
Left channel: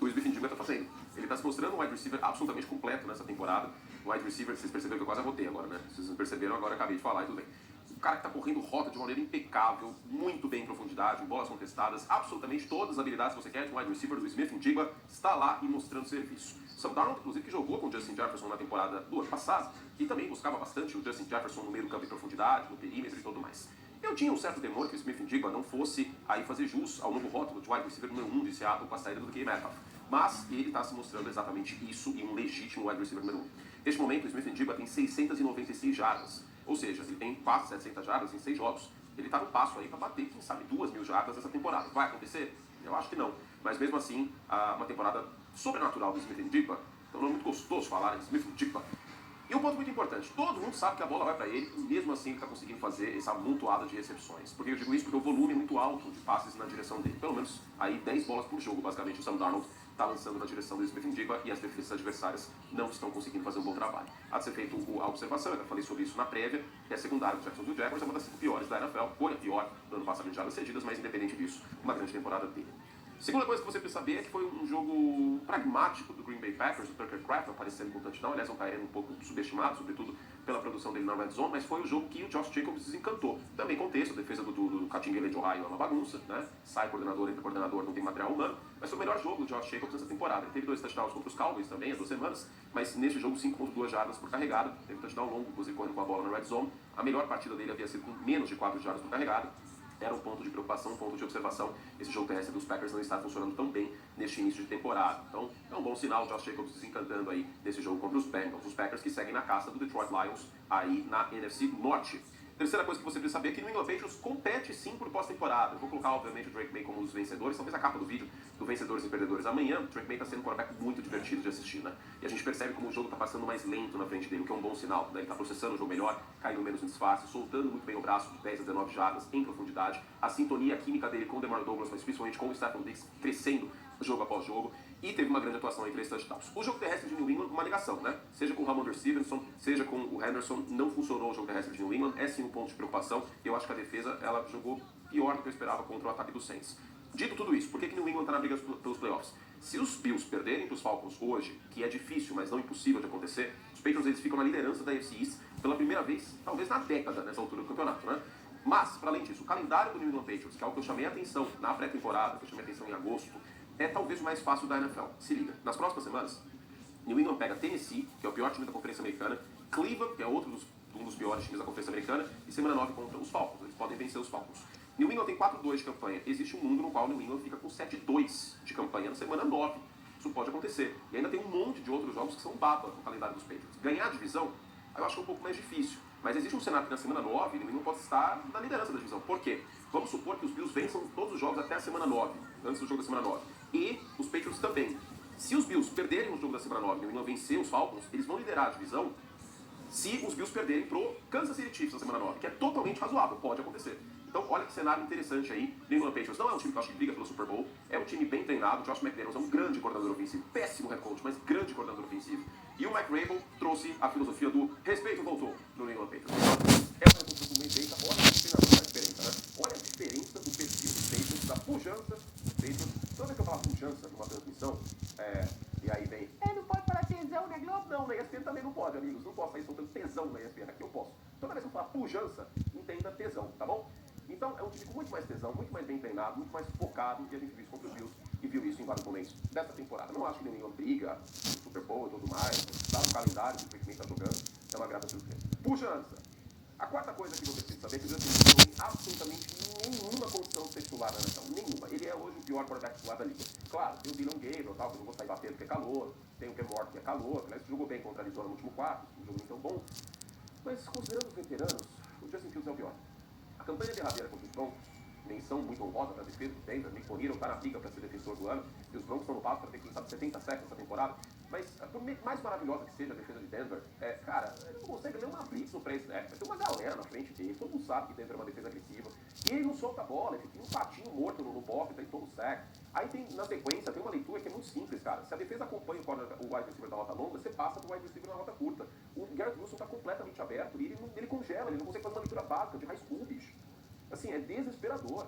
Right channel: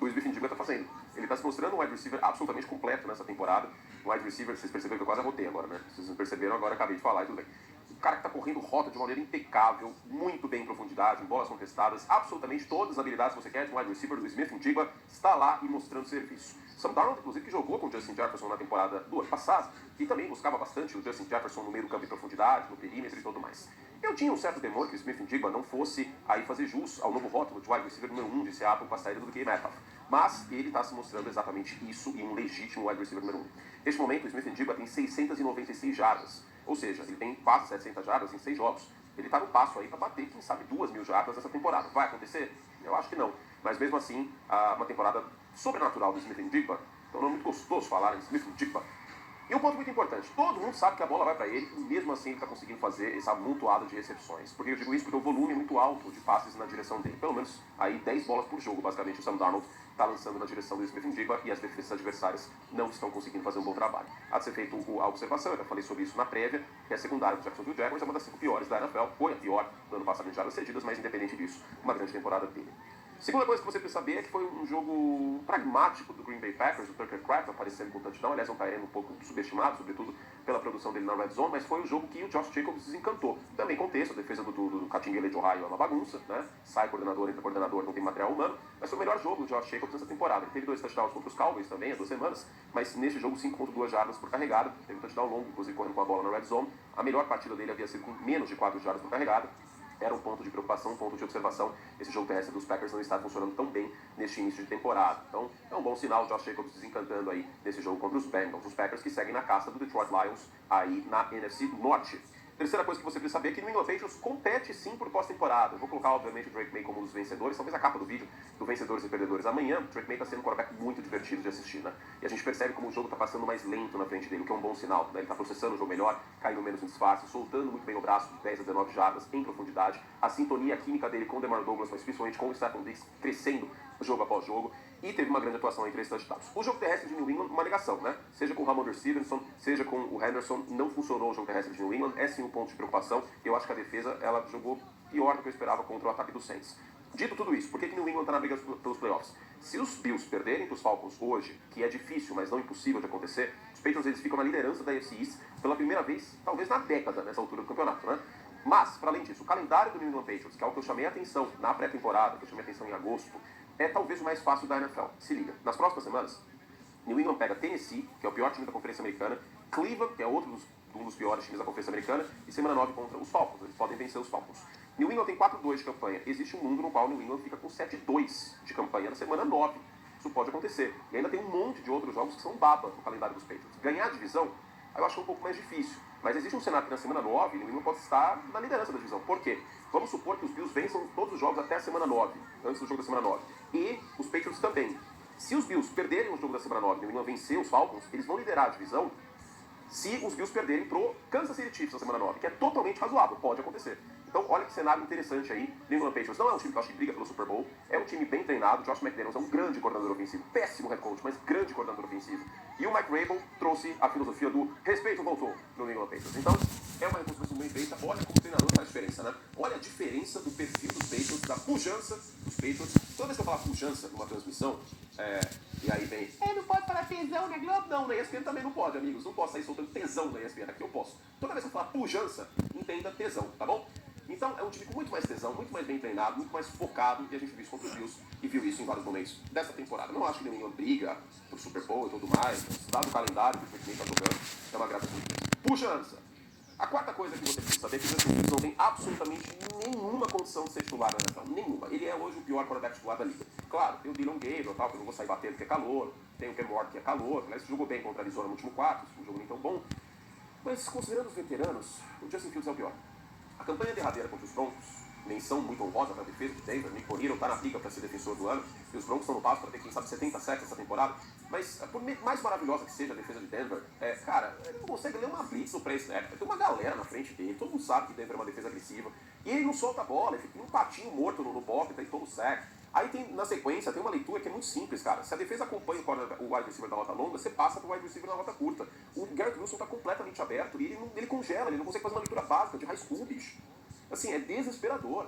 o Smith-Njigba está fazendo. Ele está se mostrando um wide receiver absolutamente completo nessa temporada. Um wide receiver, vocês perceberam que eu quase arrotei agora, né? Vocês não perceberam agora, eu acabei de falar e tudo bem. Um cara que está correndo rota de uma maneira impecável, muito bem em profundidade, em bolas contestadas, absolutamente todas as habilidades que você quer de um wide receiver do Smith-Njigba está lá e mostrando serviço. Sam Darnold, inclusive, que jogou com o Justin Jefferson na temporada do ano passado, que também buscava bastante o Justin Jefferson no meio do campo em profundidade, no perímetro e tudo mais. Eu tinha um certo temor que o Smith-Njigba não fosse aí fazer jus ao novo rótulo de wide receiver número 1 de Seattle com a saída do DK Metcalf. Mas ele está se mostrando exatamente isso e um legítimo wide receiver número 1. Neste momento, o Smith-Njigba tem 696 jardas, ou seja, ele tem quase 700 jardas em 6 jogos. Ele está no passo aí para bater, quem sabe, 2.000 jardas nessa temporada. Vai acontecer? Eu acho que não. Mas mesmo assim, uma temporada sobrenatural do Smith-Njigba, então não é muito gostoso falar em Smith-Njigba. E E um ponto muito importante, todo mundo sabe que a bola vai para ele, e mesmo assim ele está conseguindo fazer essa amontoada de recepções. Por que eu digo isso? Porque o volume é muito alto de passes na direção dele. Pelo menos aí 10 bolas por jogo, basicamente, o Sam Darnold está lançando na direção do Smith-Njigba e as defesas adversárias não estão conseguindo fazer um bom trabalho. Há de ser feito a observação, eu já falei sobre isso na prévia, que a secundária do Jacksonville Jaguars é uma das 5 piores da NFL, foi a pior no ano passado em jardas cedidas, mas independente disso, uma grande temporada dele. Segunda coisa que você precisa saber é que foi um jogo pragmático do Green Bay Packers, o Tucker Kraft aparecendo com touchdown, aliás, um Tyrene um pouco subestimado, sobretudo pela produção dele na Red Zone, mas foi o jogo que o Josh Jacobs desencantou. Também contexto, a defesa do Catinguele de Ohio é uma bagunça, né? Sai coordenador, entra coordenador, não tem material humano, mas foi o melhor jogo do Josh Jacobs nessa temporada. Ele teve 2 touchdowns contra os Cowboys também, há 2 semanas, mas nesse jogo 5.2 jardas por carregada, teve um touchdown longo, inclusive correndo com a bola na Red Zone. A melhor partida dele havia sido com menos de 4 jardas por carregada. Era um ponto de preocupação, um ponto de observação. Esse jogo terrestre dos Packers não está funcionando tão bem neste início de temporada. Então, é um bom sinal o Josh Jacobs desencantando aí nesse jogo contra os Bengals. Os Packers que seguem na caça do Detroit Lions aí na NFC Norte. Terceira coisa que você precisa saber é que o New England Patriots compete sim por pós-temporada. Eu vou colocar, obviamente, o Drake May como um dos vencedores, talvez a capa do vídeo do Vencedores e Perdedores. Amanhã, o Drake May está sendo um quarterback muito divertido de assistir, né? E a gente percebe como o jogo está passando mais lento na frente dele, o que é um bom sinal, né? Ele está processando o jogo melhor, caindo menos em disfarce, soltando muito bem o braço de 10 a 19 jardas em profundidade. A sintonia, a química dele com o DeMar Douglas, mas principalmente com o Stephon Diggs, crescendo jogo após jogo. E teve uma grande atuação em 3 touchdowns. O jogo terrestre de New England, uma negação, né? Seja com o Ramondre Stevenson, seja com o Henderson, não funcionou o jogo terrestre de New England. É sim um ponto de preocupação. Eu acho que a defesa, ela jogou pior do que eu esperava contra o ataque dos Saints. Dito tudo isso, por que New England está na briga pelos playoffs? Se os Bills perderem para os Falcons hoje, que é difícil, mas não impossível de acontecer, os Patriots eles ficam na liderança da AFC East pela primeira vez, talvez na década, nessa altura do campeonato, né? Mas, para além disso, o calendário do New England Patriots, que é o que eu chamei a atenção na pré-temporada, que eu chamei a atenção em agosto, é talvez o mais fácil da NFL. Se liga, nas próximas semanas, New England pega Tennessee, que é o pior time da Conferência Americana, Cleveland, que é um dos piores times da Conferência Americana, e semana 9 contra os Falcons. Eles podem vencer os Falcons. New England tem 4-2 de campanha. Existe um mundo no qual New England fica com 7-2 de campanha na semana 9. Isso pode acontecer. E ainda tem um monte de outros jogos que são baba no calendário dos Patriots. Ganhar a divisão, eu acho que é um pouco mais difícil. Mas existe um cenário que na semana 9, New England pode estar na liderança da divisão. Por quê? Vamos supor que os Bills vençam todos os jogos até a semana 9, antes do jogo da semana 9. E os Patriots também. Se os Bills perderem o jogo da semana 9 e New England vencer os Falcons, eles vão liderar a divisão se os Bills perderem pro Kansas City Chiefs na semana 9, que é totalmente razoável, pode acontecer. Então, olha que cenário interessante aí. New England Patriots não é um time que eu acho que briga pelo Super Bowl, é um time bem treinado. Josh McDaniels é um grande coordenador ofensivo, péssimo head coach, mas grande coordenador ofensivo. E o Mike Vrabel trouxe a filosofia do respeito voltou no New England Patriots. Então, é uma reconstrução bem feita. Olha como o treinador faz diferença, né? Olha a diferença do perfil dos Patriots, da pujança dos Patriots. Toda vez que eu falar pujança numa transmissão, e aí vem, não pode falar tesão na Globo? Não, na ESPN também não pode, amigos. Não posso sair soltando tesão na ESPN, aqui eu posso. Toda vez que eu falar pujança, entenda tesão, tá bom? Então, é um time com muito mais tesão, muito mais bem treinado, muito mais focado, e a gente viu isso contra os Bills, e viu isso em vários momentos dessa temporada. Não acho que nenhuma briga no Super Bowl e tudo mais, dado o calendário que o time está jogando, é uma grata surpresa. Pujança! A quarta coisa que você precisa saber é que o Justin Fields não tem absolutamente nenhuma condição de ser titular na NFL. Nenhuma. Ele é hoje o pior quarterback titular da liga. Claro, tem o Dylan Gabriel, tal, que eu não vou sair batendo porque é calor. Tem o Cam Ward, que é calor. Aliás, jogou bem contra a Arizona no último quarto. Um jogo nem tão bom. Mas, considerando os veteranos, o Justin Fields é o pior. A campanha derradeira contra os Broncos, menção muito honrosa para a defesa de Denver. Nick Bonito está na briga para ser defensor do ano. E os Broncos estão no passo para ter, quem sabe, 70 sacks essa temporada. Mas, por mais maravilhosa que seja a defesa de Denver, cara, ele não consegue ler uma blitz no pré-snap. Tem uma galera na frente dele, todo mundo sabe que Denver é uma defesa agressiva. E ele não solta a bola, ele fica um patinho morto no pocket, tem todo o sack. Aí tem, na sequência, tem uma leitura que é muito simples, cara. Se a defesa acompanha o wide receiver da rota longa, você passa pro wide receiver na rota curta. O Garrett Wilson tá completamente aberto e ele congela, ele não consegue fazer uma leitura básica de high school, bicho. Assim, é desesperador.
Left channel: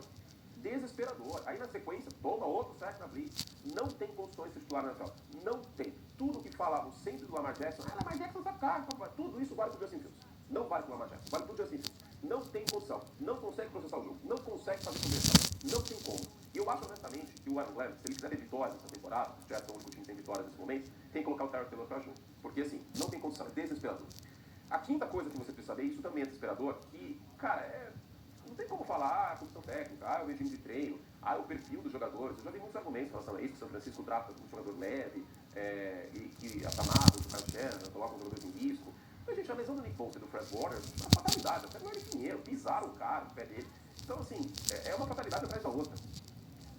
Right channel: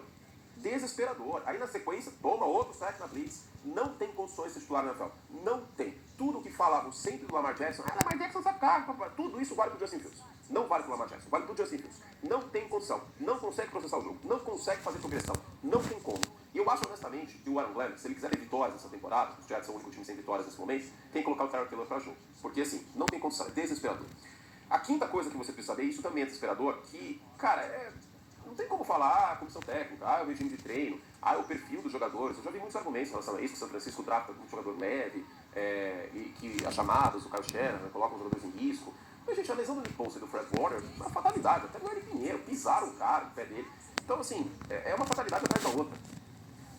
Desesperador. Aí na sequência, toma outro sack na blitz. Não tem condições de ser titular na NFL. Não tem. Tudo que falavam sempre do Lamar Jackson, Lamar Jackson sabe carga, tudo isso vale pro Justin Fields. Não vale pro Lamar Jackson, vale pro Justin Fields. Não tem condição. Não consegue processar o jogo. Não consegue fazer progressão. Não tem como. E eu acho honestamente que o Aaron Glenn, se ele quiser ter vitórias nessa temporada, os Jets são o único time sem vitórias nesse momento, tem que colocar o Tyrod Taylor pra jogo. Porque assim, não tem condição. É desesperador. A quinta coisa que você precisa saber, isso também é desesperador, que, cara, não tem como falar a comissão técnica, o regime de treino, o perfil dos jogadores. Eu já vi muitos argumentos em relação a isso, que o São Francisco trata um jogador leve, e que as chamadas do Kyle Shanahan colocam os jogadores em risco. Mas, gente, a lesão do Nick Bosa e do Fred Warner é uma fatalidade. Até no Eric Pinheiro, pisaram o cara, o pé dele. Então, assim, é uma fatalidade atrás da outra.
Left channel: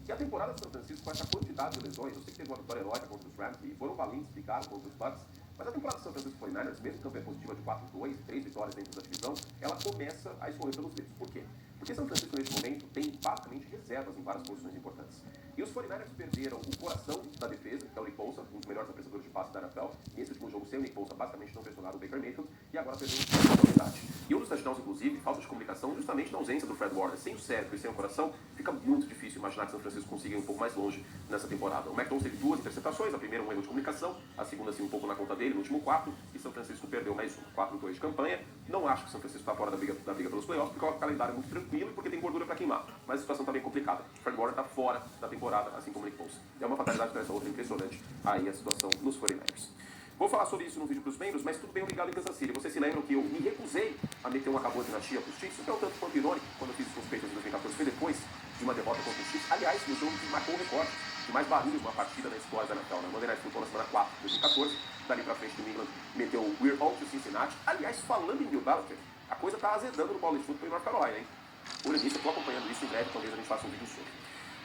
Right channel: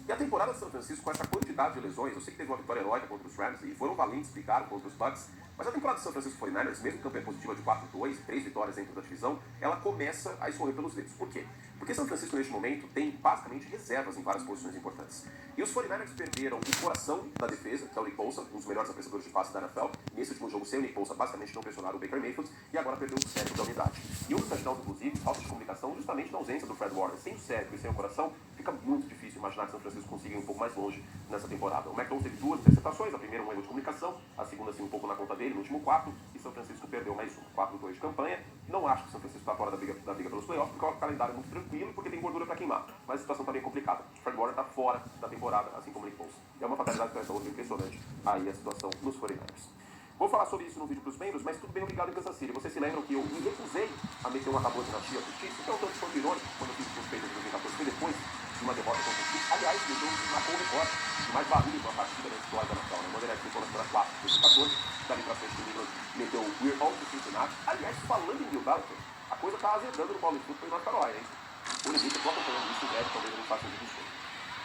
E a temporada de São Francisco, com essa quantidade de lesões, eu sei que teve uma vitória heróica contra os Rams e foram valentes, ficaram contra os Bucks, mas a temporada de São Francisco 49ers, mesmo campanha positiva de 4-2, 3 vitórias dentro da divisão, ela começa a escorrer pelos dedos. Por quê? Porque São Francisco, neste momento, tem basicamente reservas em várias posições importantes. E os 49ers perderam o coração da defesa, que é o Nick Bosa, um dos melhores apreciadores de passe da NFL. Nesse último jogo, sem o Nick Bosa, basicamente não pressionaram o Baker Mayfield, e agora perdeu o cérebro da unidade. E um dos touchdowns, inclusive, falta de comunicação, justamente na ausência do Fred Warner. Sem o cérebro e sem o coração, fica muito difícil imaginar que São Francisco consiga ir um pouco mais longe nessa temporada. O McDonald teve 2 interceptações, a primeira um erro de comunicação, a segunda assim um pouco na conta dele, no último quarto, e São Francisco perdeu mais um, 4-2 de campanha. Não acho que São Francisco está fora da briga pelos playoffs, porque o calendário é muito tranquilo e porque tem gordura para queimar. Mas a situação está bem complicada. O Fred Warner está fora da temporada, assim como o Nick Bosa. É uma fatalidade dessa outra impressionante aí a situação nos 49ers. Vou falar sobre isso no vídeo para os membros, mas tudo bem, obrigado em Kansas City. Vocês se lembram que eu me recusei a meter uma acabou de dinastia para os Chiefs? Então, tanto quanto irônico, quando eu fiz os Patriots em 2014, foi depois de uma derrota contra os Chiefs. Aliás, me deu marcou o recorde de mais barulho de uma partida na história da NFL. Na Monday Night Football, na semana 4 de 2014, dali para frente, o England meteu o We're All to Cincinnati. Aliás, falando em Bill Belichick, a coisa está azedando no College Football e North Carolina, hein? Por exemplo, eu estou acompanhando isso, deve talvez a gente faça um vídeo sobre.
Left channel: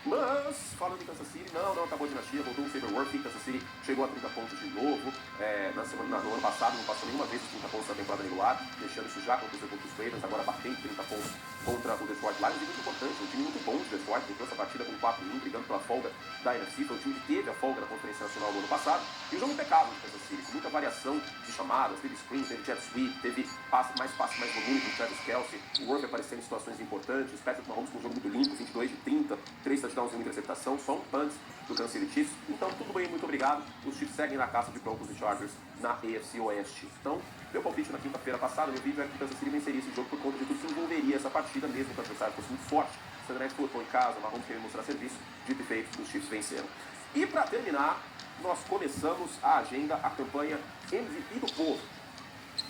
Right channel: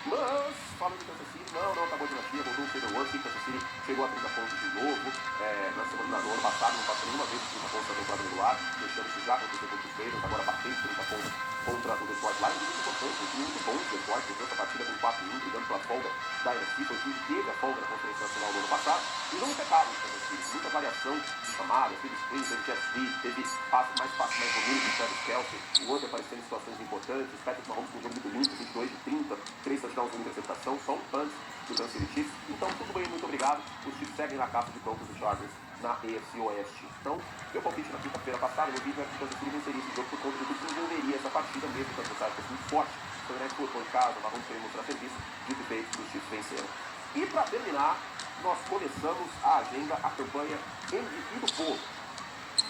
Mas, falando de Kansas City, não acabou a dinastia, voltou o Cedar Worth, Kansas City chegou a 30 pontos de novo, no ano passado não passou nenhuma vez de 30 pontos na temporada regular, deixando-se já acontecer contra os Ravens, agora batendo 30 pontos contra o Detroit Lions, e muito importante, um time muito bom de Detroit, que essa partida com 4-1, brigando pela folga da NFC, foi o time que teve a folga da Conferência Nacional no ano passado, e não impecável em Kansas City, muita variação de chamadas, teve sprint, teve jet sweep, teve mais passe mais volume do Travis Kelce, o Worth aparecendo em situações importantes, o Patrick Mahomes com um jogo muito limpo, 22 de 30, 3 touchdowns, uma interceptação, só um punch do Kansas City Chiefs. Então, tudo bem, muito obrigado. Os Chiefs seguem na caça de Broncos e Chargers na AFC Oeste. Então, meu palpite na quinta-feira passada, meu vídeo é que o Kansas City venceria esse jogo por conta de que desenvolveria essa partida, mesmo que o adversário fosse muito forte. O Fernandes colocou em casa, o Mahomes queria mostrar serviço, dito e feito, os Chiefs venceram. E para terminar, nós começamos a agenda, a campanha MVP do povo.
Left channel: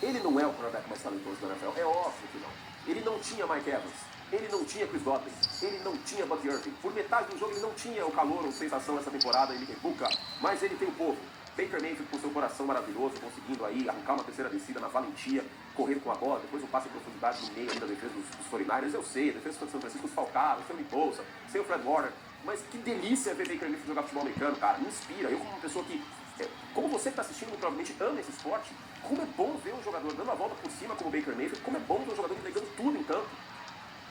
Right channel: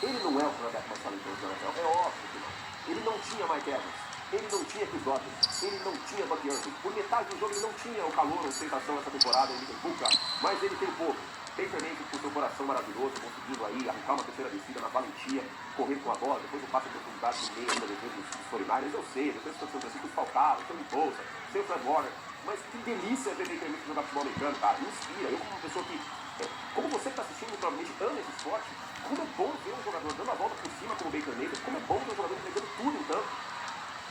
Ele não é o quarterback mais talentoso da NFL, é óbvio que não. Ele não tinha Mike Evans, ele não tinha Chris Godwin, ele não tinha Buck Irving. Por metade do jogo ele não tinha o calor, a ostentação nessa temporada em Liverpool, mas ele tem o povo. Baker Mayfield com seu coração maravilhoso, conseguindo aí arrancar uma terceira descida na valentia, correr com a bola, depois um passe de profundidade de meio ainda depois dos 49ers, eu sei, depois do São Francisco falcaram, sem o Bolsa, sem o Fred Warner, mas que delícia ver Baker Mayfield jogar futebol americano, cara, me inspira. Eu como uma pessoa que, como você que está assistindo, provavelmente ama esse esporte, como é bom ver um jogador dando a volta por cima como o Baker Mayfield, como é bom ver um jogador entregando tudo em campo.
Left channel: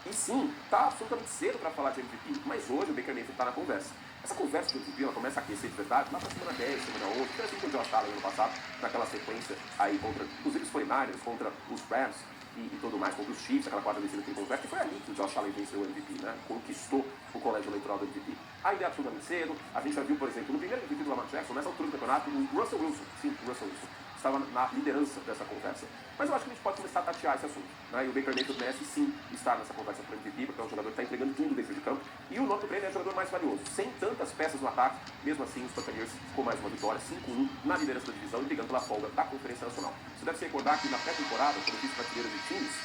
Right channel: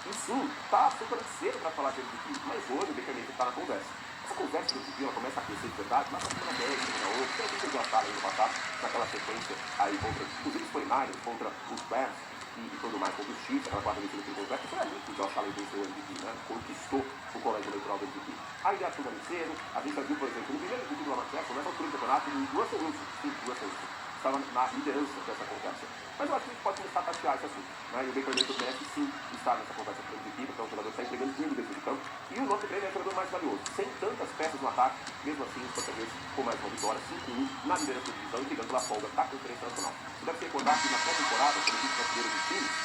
E sim, tá absolutamente cedo para falar de MVP, mas hoje o Baker Mayfield está na conversa. Essa conversa do MVP ela começa a crescer de verdade, mas na semana 10, semana 11, que a gente já estava ano passado, naquela sequência aí contra, inclusive os 49ers, contra os Bears e tudo mais, contra os Chiefs, aquela quarta vencida por completo, foi ali que o Josh Allen venceu o MVP, né? Conquistou o colégio eleitoral do MVP. Ainda é absolutamente cedo, a gente já viu, por exemplo, no primeiro MVP do Lamar Jackson, nessa altura do campeonato, o Russell Wilson, sim, o Russell Wilson, estava na liderança dessa conversa. Mas eu acho que a gente pode começar a tatear esse assunto. Né? E o Baker Mayfield merece sim estar nessa conversa para o MVP, porque é um jogador que está entregando tudo dentro de campo. E o nome dele é o jogador mais valioso. Sem tantas peças no ataque, mesmo assim, os Buccaneers com mais uma vitória, 5-1 na liderança da divisão e brigando pela folga da Conferência Nacional. Você deve se recordar que na pré-temporada, quando eu fiz brasileiro de times,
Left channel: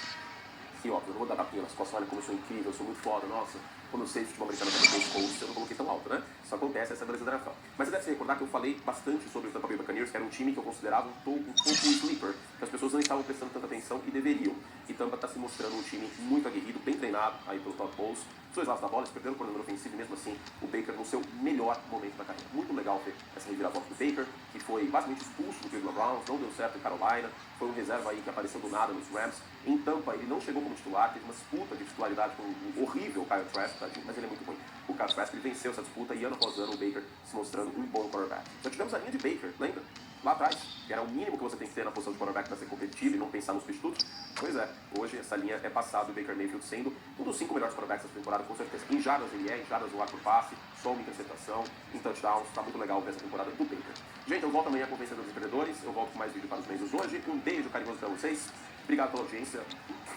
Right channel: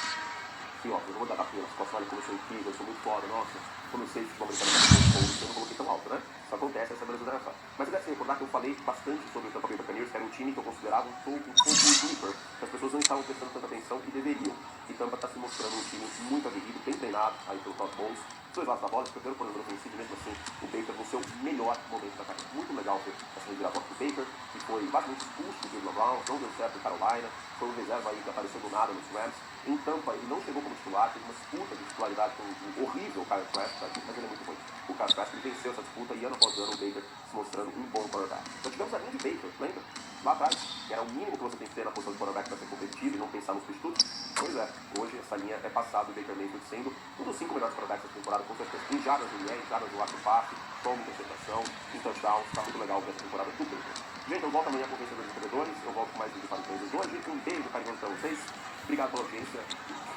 sim, ó, eu não vou dar pela situação, olha como eu sou incrível, eu sou muito foda, nossa, como eu sei de futebol americano, eu não coloquei tão alto, né? Isso acontece, essa é a beleza da NFL. Mas você deve se recordar que eu falei bastante sobre o Tampa Bay Buccaneers, que era um time que eu considerava um pouco sleeper, que as pessoas não estavam prestando tanta atenção e deveriam. E Tampa está se mostrando um time muito aguerrido, bem treinado aí pelo Todd Bowles. Os dois lados da bola, perdendo por número ofensivo, mesmo assim, o Baker no seu melhor momento da carreira. Muito legal ver essa reviravolta do Baker, que foi basicamente expulso do Cleveland Browns, não deu certo em Carolina, foi um reserva aí que apareceu do nada nos Rams. Em Tampa, ele não chegou como titular, teve uma disputa de titularidade com o horrível Kyle Trask, mas ele é muito bom. O Kyle Trask ele venceu essa disputa e ano após ano o Baker se mostrando um bom quarterback. Já tivemos a linha de Baker, lembra? Lá atrás, que era o mínimo que você tem que ter na posição de quarterback para ser competitivo e não pensar nos substitutos. Pois é, hoje essa linha é passada, o Baker Mayfield sendo um dos 5 melhores quarterbacks dessa temporada, com certeza. Em jardas no IE, em jardas no arco passe, só uma interceptação, em touchdowns, tá muito legal ver essa temporada do Baker. Gente, eu volto amanhã com o Vencedor dos Empreendedores, eu volto com mais vídeo para os meus hoje. Um beijo carinhoso para vocês, obrigado pela audiência,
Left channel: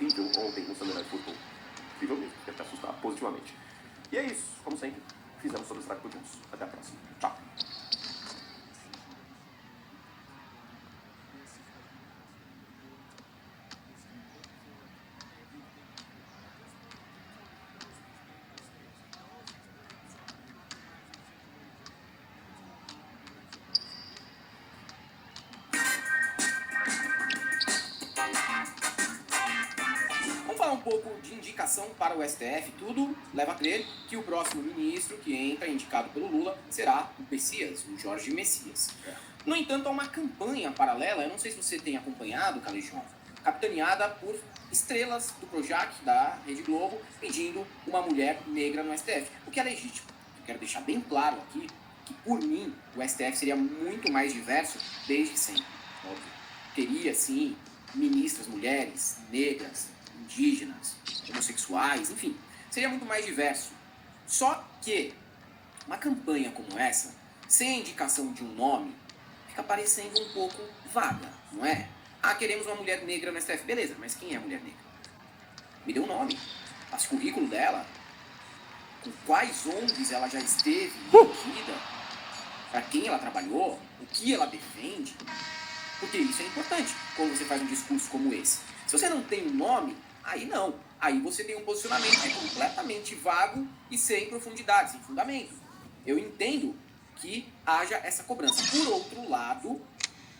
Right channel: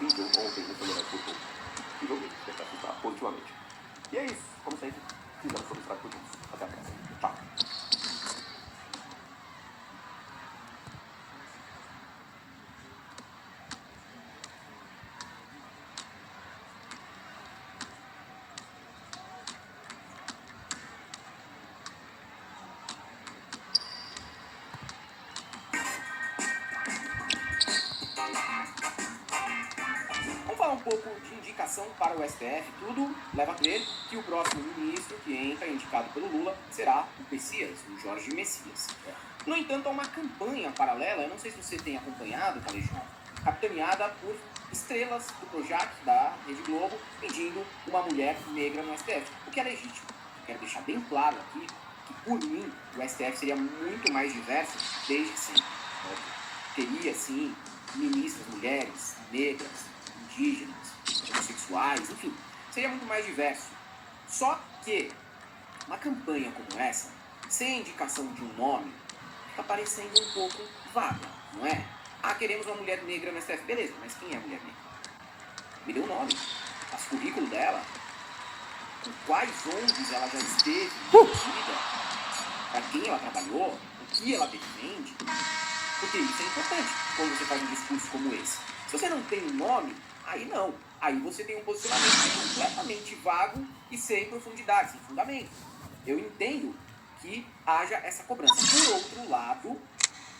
incrível ontem no Sunday Night Football. Incrível mesmo, tentar assustar positivamente. E é isso, como sempre, fizemos sobre o Estrago por juntos. Até a próxima. Tchau. Vamos falar falar um pouco de indicação para o STF, tudo leva a crer que o próximo ministro que entra, indicado pelo Lula, será o Messias, o Jorge Messias. No entanto, há uma campanha paralela, eu não sei se você tem acompanhado, Calejão, capitaneada por estrelas do Projac, da Rede Globo, pedindo uma mulher negra no STF, o que é legítimo. Eu quero deixar bem claro aqui que, por mim, o STF seria muito mais diverso desde sempre. Teria, sim, ministras mulheres, negras, indígenas, homossexuais, enfim, seria muito mais diverso. Só que uma campanha como essa, sem a indicação de um nome, fica parecendo um pouco vaga, não é? Ah, queremos uma mulher negra no STF. Beleza, mas quem é a mulher negra? Me dê um nome. Passa o currículo dela. Com quais ONGs ela já esteve envolvida? Para quem ela trabalhou? O que ela defende? Porque isso é importante quando você faz um discurso como esse. Se você não tem um nome, aí não. Aí você tem um posicionamento completamente vago e sem profundidade, sem fundamento. Eu entendo que haja essa cobrança. Por outro lado,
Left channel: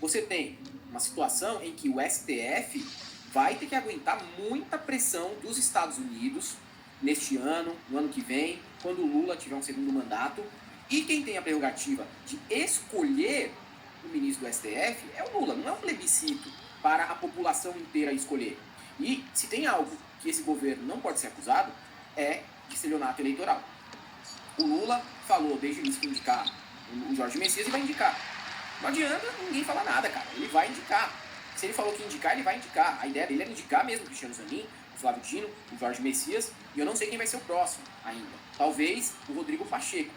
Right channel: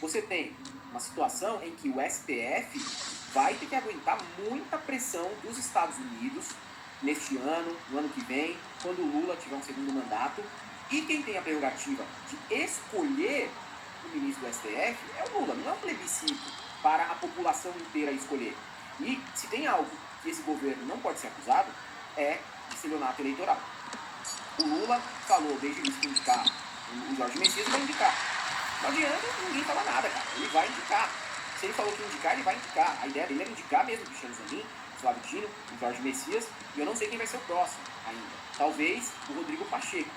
você tem uma situação em que o STF vai ter que aguentar muita pressão dos Estados Unidos neste ano, no ano que vem, quando o Lula tiver um segundo mandato. E quem tem a prerrogativa de escolher o ministro do STF é o Lula, não é um plebiscito para a população inteira escolher. E se tem algo que esse governo não pode ser acusado, é de estelionato eleitoral. O Lula falou desde o início que indicar o Jorge Messias e vai indicar. Não adianta ninguém falar nada, cara. Ele vai indicar. Se ele falou que indicar, ele vai indicar. A ideia dele era indicar mesmo o Cristiano Zanin, o Flávio Dino, o Jorge Messias, e eu não sei quem vai ser o próximo ainda. Talvez o Rodrigo Pacheco.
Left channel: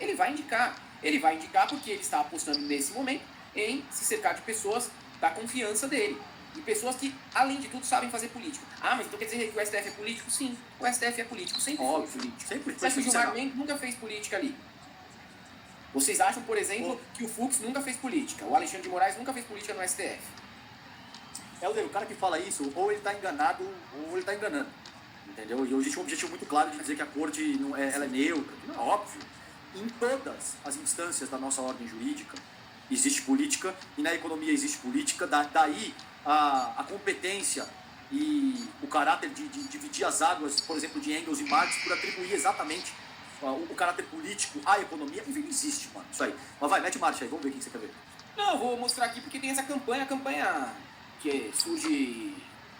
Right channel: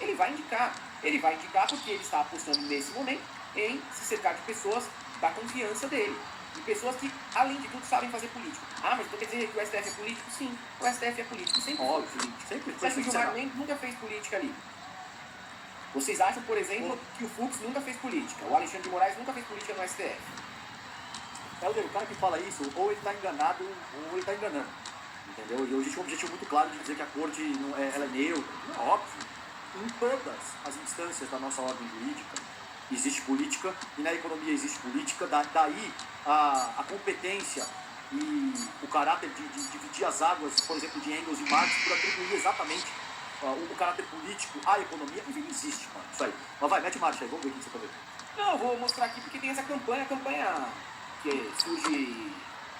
Ele vai indicar. Ele vai indicar porque ele está apostando nesse momento em se cercar de pessoas da confiança dele. E pessoas que, além de tudo, sabem fazer política. Ah, mas então quer dizer que o STF é político? Sim, o STF é político. Sempre foi político. Sempre foi. Você acha que o Gilmar Mendes nunca fez política ali? Vocês acham, por exemplo, que o Fux nunca fez política? O Alexandre de Moraes nunca fez política no STF? O cara que fala isso, ou ele está enganado, ou ele está enganando. Entendeu? E existe um objetivo muito claro de dizer que a corte ela é neutra. Não é óbvio. Em todas as instâncias da nossa ordem jurídica existe política, e na economia existe política. Daí a competência e o caráter de dividir as águas, por exemplo, de Engels e Marx, por atribuir exatamente o caráter político à economia, enfim, existe, mano, isso aí. Mas vai, mete marcha aí, vamos ver o que você tá vendo. Não, eu vou mostrar aqui porque tem essa campanha que surge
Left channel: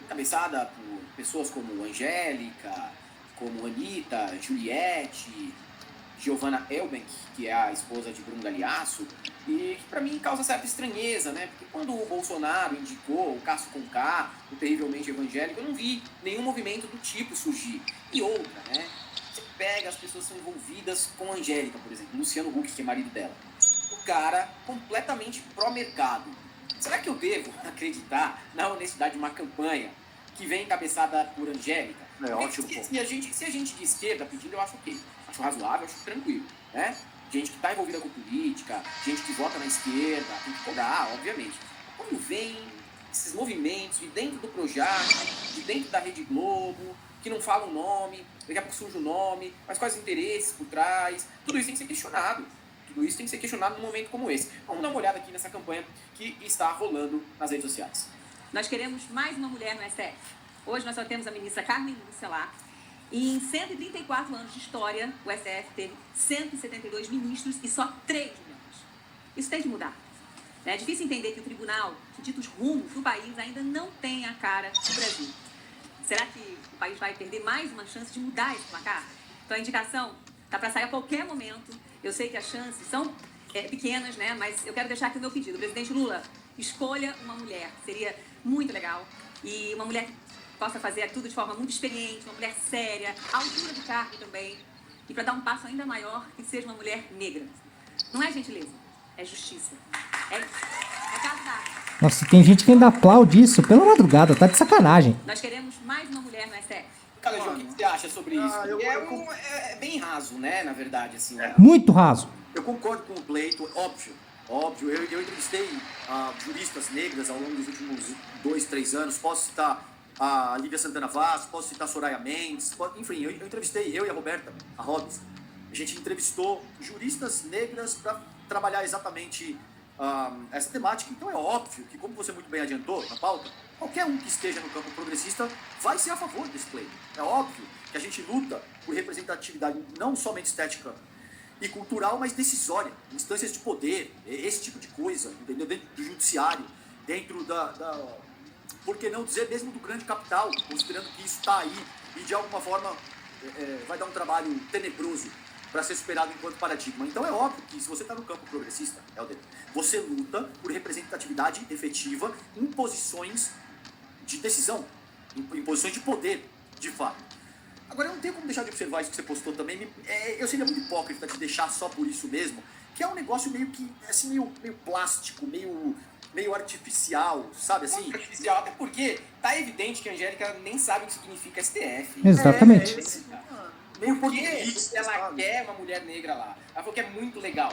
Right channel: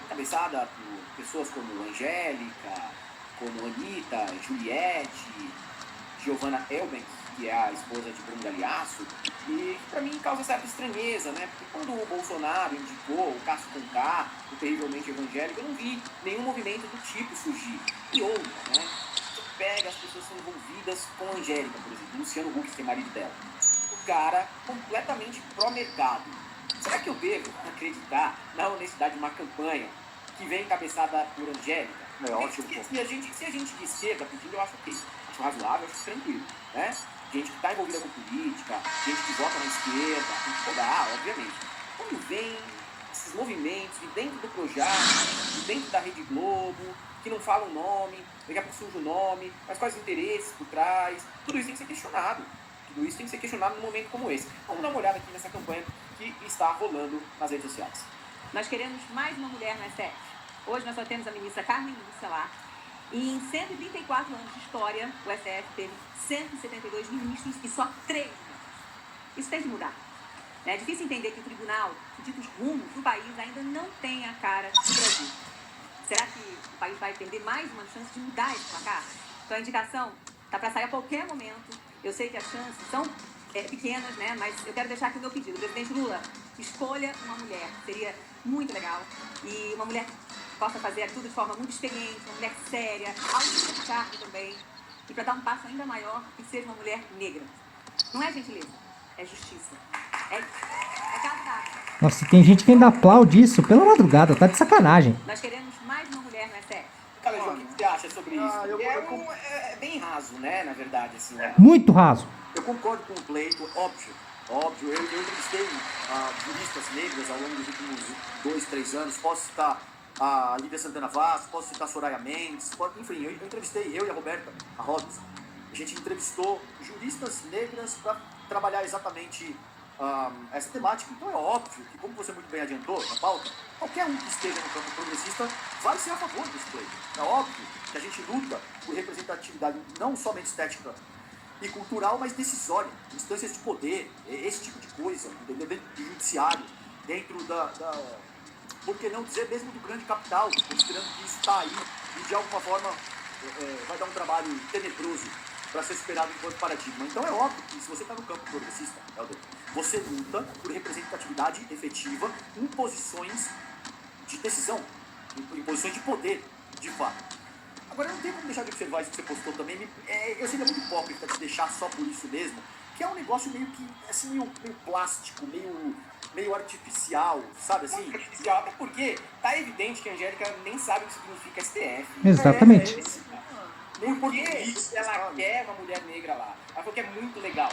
encabeçada por pessoas como Angélica, como Anitta, Juliette, Giovanna Elben, que é a esposa de Bruno Galhaço, e que pra mim causa certa estranheza, né? Porque quando o Bolsonaro indicou o Cássio Conká, o terrivelmente evangélico, eu não vi nenhum movimento do tipo surgir. E outra, né? Você pega as pessoas que são envolvidas com a Angélica, por exemplo, Luciano Huck, que é marido dela. O cara completamente pró-mercado. Será que eu devo acreditar na honestidade de uma campanha que vem encabeçada por Angélica? É ótimo. Se a gente de esquerda pedindo, eu acho ok. Acho razoável, acho tranquilo, né? Gente que está envolvida com política, gente que vota na esquerda, tem que cobrar, obviamente. Quando vem esses movimentos de dentro do Projac, de dentro da Rede Globo, que não falam o nome, daqui a pouco surge o nome, mas quais os interesses por trás, tudo isso tem que ser questionado. Tudo isso tem que ser questionado num momento como esse. Vamos dar uma olhada aqui nessa campanha que está rolando nas redes sociais. Nós queremos mais uma mulher no STF. Hoje nós só temos a ministra Carmen Lúcia lá. E em 134 anos de história, o STF teve 172 ministros e só 3 mulheres. Isso tem que mudar. É difícil entender que o tribunal, que dita os rumos do país, ainda não tem a cara do Brasil. Será que o país vai perder mais uma chance de mudar esse placar? Então a indicação está para sair a qualquer momento. Eu sei que as chances são pequenas, né? Mas eu quero deixar aqui o meu pedido. Presidente Lula, escolha uma mulher. Seria muito legal. E uma mulher que possa fazer tudo de forma muito experiente, uma mulher séria, alta de cargo também. E para dar um passo ainda maior, que seja uma mulher negra. Não é gentileza, é justiça. É caso da... Nossa, tem gente que ainda aplaude isso pela madrugada, tá de sacanagem. Nós queremos mais uma mulher no STF. Cara, João, o que você acha sobre isso? É bem raso, né, na verdade, assim. Né? Muito raso. Eu concordo com o pleito, óbvio. Eu entrevistei juristas negras ao longo dos últimos 2, 3 anos. Posso citar a Lívia Santana Vaz, posso citar a Soraya Mendes, enfim, eu entrevistei, eu e a Roberta, a Hobbs. A gente entrevistou juristas negras para trabalhar exatamente essa temática. Então é óbvio que, como você muito bem adiantou na pauta, qualquer um que esteja no campo progressista vai ser a favor desse play. É óbvio que a gente luta por representatividade não somente estética e cultural, mas decisória, instâncias de poder, esse tipo de coisa, entendeu? Dentro do judiciário, dentro por que não dizer mesmo do grande capital, considerando que isso está aí e de alguma forma vai dar um trabalho tenebroso para ser superado enquanto paradigma. Então é óbvio que se você está no campo progressista, Helder, você luta por representatividade efetiva em posições de decisão, em posições de poder, de fato. Agora, não tem como deixar de observar isso que você postou também. Eu seria muito hipócrita te deixar só por isso mesmo, que é um negócio meio que, assim, meio plástico, meio artificial, sabe assim? Artificial, até porque tá evidente que a Angélica nem sabe o que significa STF. Exatamente. Meio Porque português, ela sabe? quer uma mulher negra lá. Ela falou que é muito legal.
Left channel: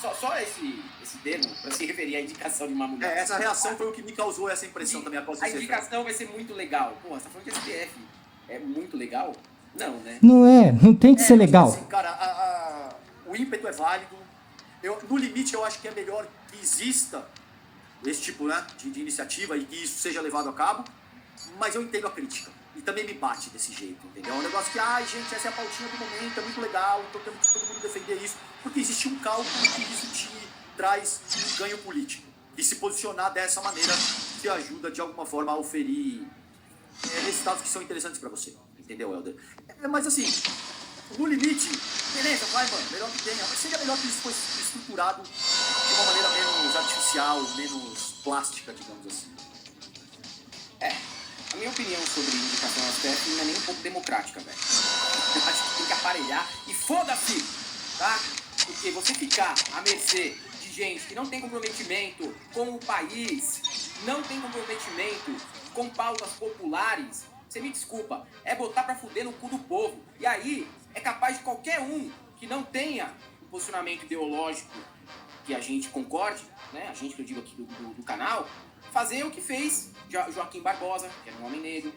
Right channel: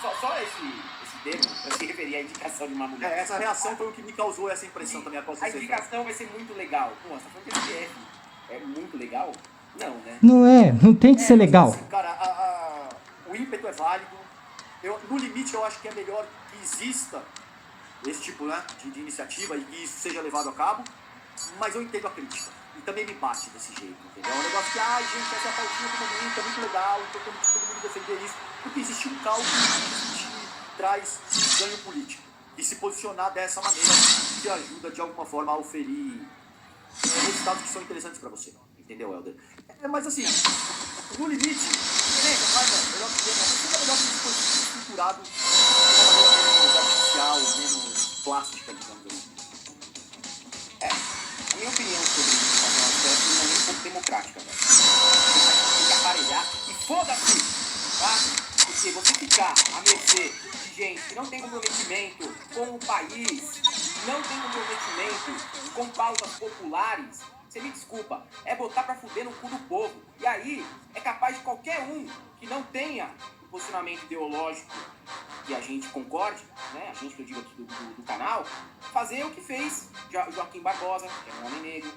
Só esse termo para se referir à indicação de uma mulher. Essa reação foi o que me causou essa impressão também, após A você. indicação vai ser muito legal. Pô, você tá falando que STF é muito legal? Não, né? Não tem que ser legal. Assim, cara, o ímpeto é válido. No limite, eu acho que é melhor que exista esse tipo, né, de iniciativa e que isso seja levado a cabo, mas eu entendo a crítica. E também me bate desse jeito, entendeu? É um negócio que, gente, essa é a pautinha do momento, é muito legal, então temos que todo mundo defender isso, porque existe um cálculo que isso traz um ganho político. E se posicionar dessa maneira te ajuda, de alguma forma, a oferir resultados que são interessantes para você, entendeu, Helder? Mas assim, no limite, beleza, vai, mano, melhor que tenha, mas seria melhor que isso fosse estruturado de uma maneira menos artificial, menos plástica, digamos assim. A minha opinião sobre indicação ao STF não é nem um pouco democrática, velho. Tem que aparelhar e foda-se, tá? Porque você ficar à mercê de gente que não tem comprometimento com o país, não tem comprometimento com pautas populares, você me desculpa, é botar pra fuder no cu do povo. E aí, é capaz de qualquer um que não tenha um posicionamento ideológico que a gente concorde, né? A gente que eu digo aqui do canal, fazer o que fez Joaquim Barbosa, que é um homem negro,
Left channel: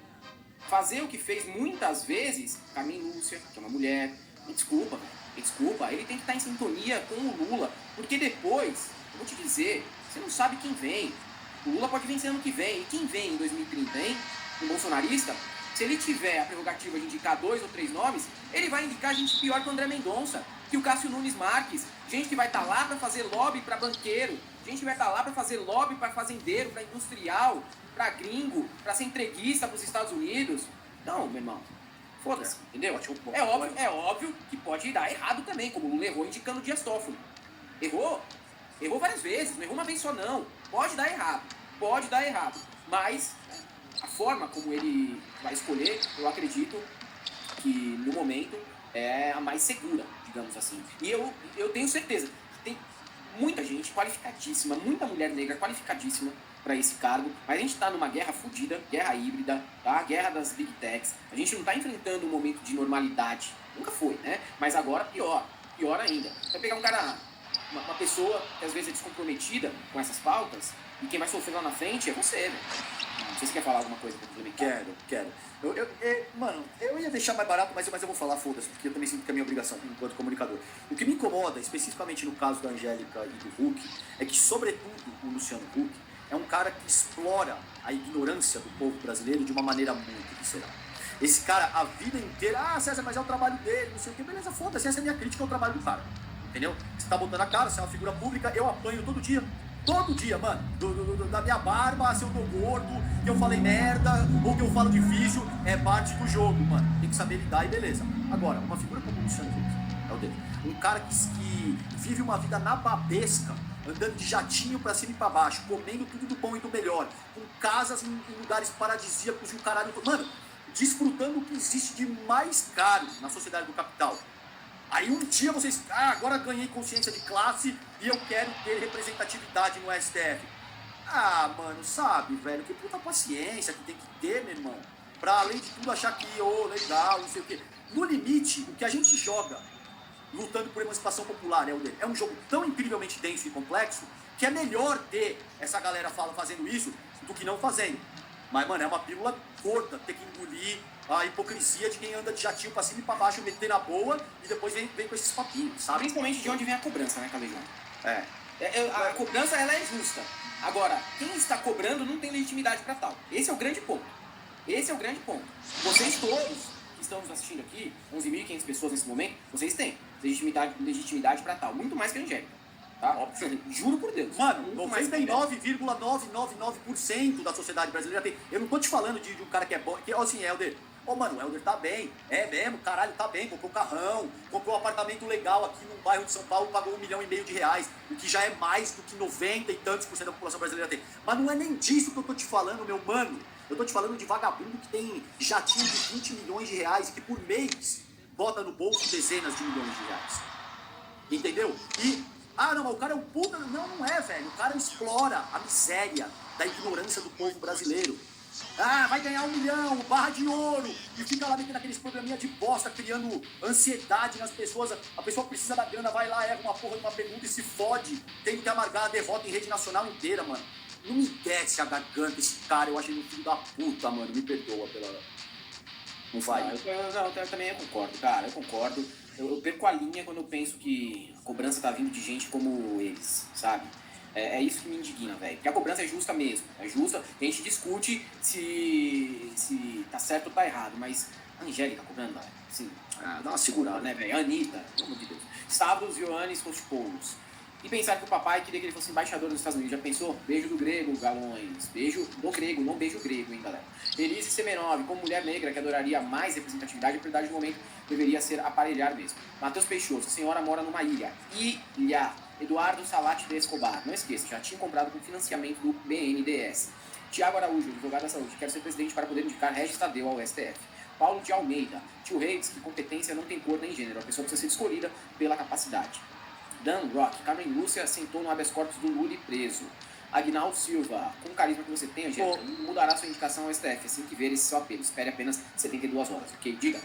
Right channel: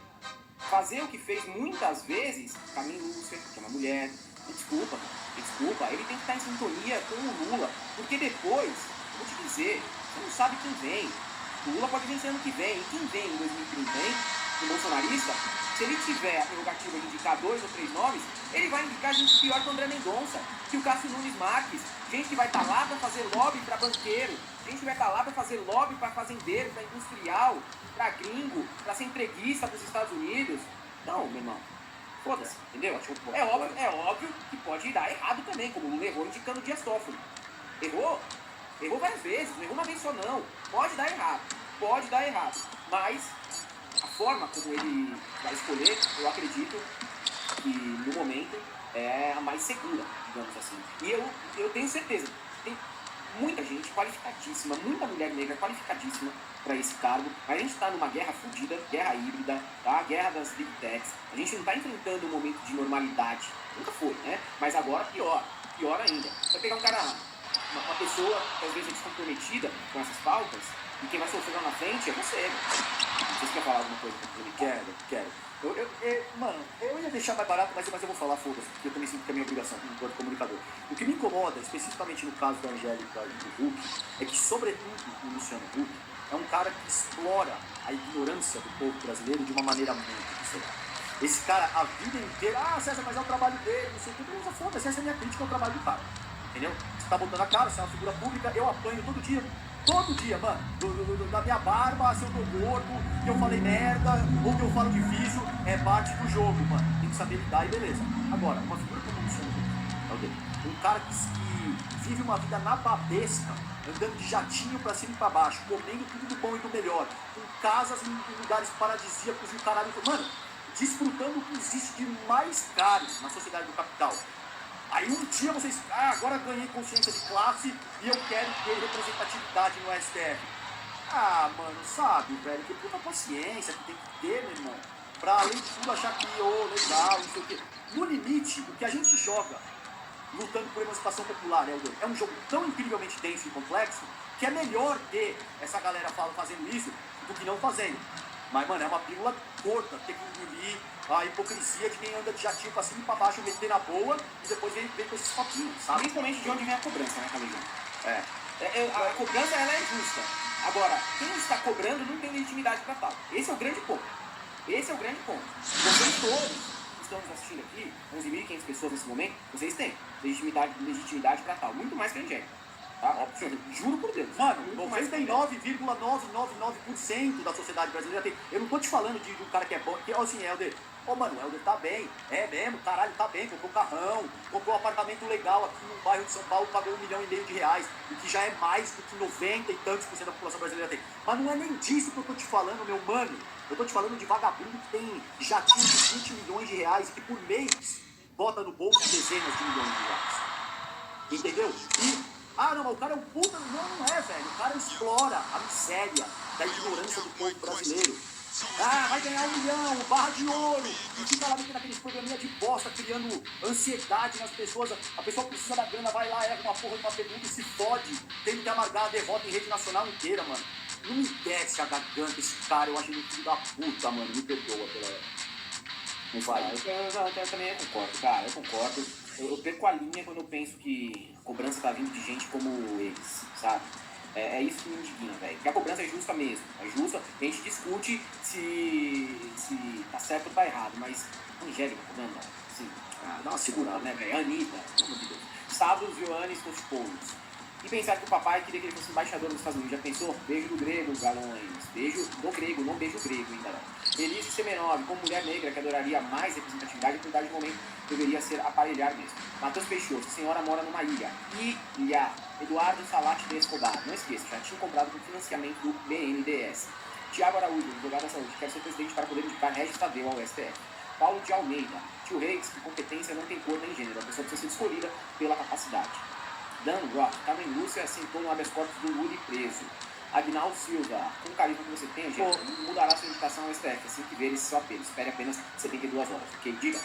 fazer o que fez muitas vezes Carmen Lúcia, que é uma mulher. Me desculpa, ele tem que estar em sintonia com o Lula, porque depois, eu vou te dizer, você não sabe quem vem. O Lula pode vencer ano que vem, e quem vem em 2030, hein? O bolsonarista, se ele tiver a prerrogativa de indicar 2 ou 3 nomes, ele vai indicar gente pior que o André Mendonça, que o Cássio Nunes Marques, gente que vai estar lá para fazer lobby para banqueiro, gente que vai estar lá para fazer lobby para fazendeiro, para industrial, para gringo, para ser entreguista para os Estados Unidos. Não, meu irmão, foda-se, entendeu? É óbvio que pode dar errado também, como o Lula errou indicando o Dias Toffoli. Errou várias vezes, não errou uma vez só não. Pode dar errado, mas a forma como ele vai escolher, eu acredito que no momento é a mais segura, digamos assim. E eu tenho certeza, tem muita gente qualificadíssima, muita mulher negra qualificadíssima para esse cargo, mas a gente está numa guerra fodida, guerra híbrida, tá? Guerra das big techs. A gente não está enfrentando um momento de normalidade, nunca foi, né? Mas agora pior ainda. Vai pegar uma pessoa que às vezes é descomprometida com essas pautas, e quem vai sofrer lá na frente é você, né? Não sei se quer falar alguma coisa pra ele. Quero. Mano, eu ia deixar mais barato, mas eu vou falar, foda-se, porque eu também sinto que é minha obrigação enquanto comunicador. O que me incomoda, especificamente no caso da Angélica e do Huck, é que, sobretudo, o Luciano Huck é um cara que explora a ignorância do povo brasileiro de uma maneira muito visceral. Esse cara, a vida inteira, César, mas é o trabalho dele, não sei o que, beleza, foda-se, essa é a minha crítica ao trabalho do cara. Entendeu? Você tá botando a cara, você é uma figura pública, eu apanho todo dia, mano, da minha barba, se eu tô gordo, que eu falei merda, ou que eu falo difícil, é parte do jogo, mano, tem que saber lidar e beleza. Agora, uma figura como o Luciano Huck, um cara que vive uma vida nababesca, andando de jatinho pra cima e pra baixo, comendo tudo do bom e do melhor, com casas em lugares paradisíacos e o caralho, mano, desfrutando o que existe de mais caro na sociedade do capital. Aí um dia vocês, agora ganhei consciência de classe e eu quero ter representatividade no STF. Mano, sabe, velho, que puta paciência que tem que ter, meu irmão, pra além de tudo achar que, legal, não sei o quê. No limite, o que a gente joga lutando por emancipação popular, é um jogo tão incrivelmente denso e complexo que é melhor ter essa galera fazendo isso do que não fazendo. Mas, mano, é uma pílula curta, ter que engolir a hipocrisia de quem anda de jatinho pra cima e pra baixo, meter na boa e depois vem com esses papinhos, sabe? Principalmente de onde vem a cobrança, né, Calejão? A cobrança, ela é justa. Agora, quem está cobrando não tem legitimidade para tal. Esse é o grande ponto. Vocês todos que estão nos assistindo aqui, 11.500 pessoas nesse momento, vocês têm legitimidade para tal. Muito mais que a Angélica. Tá? Juro por Deus. Mano, 99,999% da sociedade brasileira tem. Eu não tô te falando de um cara que é bom. Que, assim, Helder. Mano, o Helder tá bem. É mesmo, caralho, tá bem. Comprou carrão, comprou um apartamento legal aqui no bairro de São Paulo, pagou R$1,5 milhão, o que já é mais do que 90 e tantos % da população brasileira tem. Mas não é nem disso que eu tô te falando, meu mano. Eu tô te falando de vagabundo que tem jatinho de R$20 milhões e que por mês bota no bolso dezenas de milhões de reais. Entendeu? Não, mas o cara é um puta. Não é, velho. O cara explora a miséria da ignorância do povo brasileiro. Vai ganhar R$1 milhão, barra de ouro. E fica lá metendo aqueles programinha de bosta, criando ansiedade nas pessoas. A pessoa precisa da grana, vai lá, erra uma porra de uma pergunta e se fode. Tem que amargar a derrota em rede nacional inteira, mano. Não me desce a garganta esse cara, eu acho ele um filho da puta, mano. Me perdoa pela. Não vai. Eu também concordo, cara. Eu concordo. Eu perco a linha quando eu penso que a cobrança tá vindo de gente como eles, sabe? É isso que me indigna, velho. Porque a cobrança é justa mesmo. É justa. A gente discute se tá certo ou tá errado. Mas a Angélica cobrando, assim, dá uma segurada, né, velho? Anitta, pelo amor de Deus. Stavros Ioannis Kostopoulos. E pensar que o papai queria que ele fosse embaixador dos Estados Unidos. Já pensou? Beijo do grego, galães. Beijo do grego, não beijo grego ainda não. Elise Semenov, como mulher negra que adoraria mais representatividade, a prioridade do momento deveria ser aparelhar mesmo. Matheus Peixoto, a senhora mora numa ilha. Ilha. Eduardo Salati de Escobar, não esqueça, já tinha comprado com financiamento do BNDES. Tiago Araújo, advogado da saúde, quer ser presidente para poder indicar Regis Tadeu ao STF. Paulo de Almeida, tio Reis, que competência não tem cor nem gênero, a pessoa precisa ser escolhida pela capacidade. Dan Rock, Carmen Lúcia sentou no habeas corpus do Lula e preso. Aguinaldo Silva, com o carisma que você tem, gente, mudará sua indicação ao STF assim que ver esse seu apelo. Espere apenas 72 horas, ok? Diga.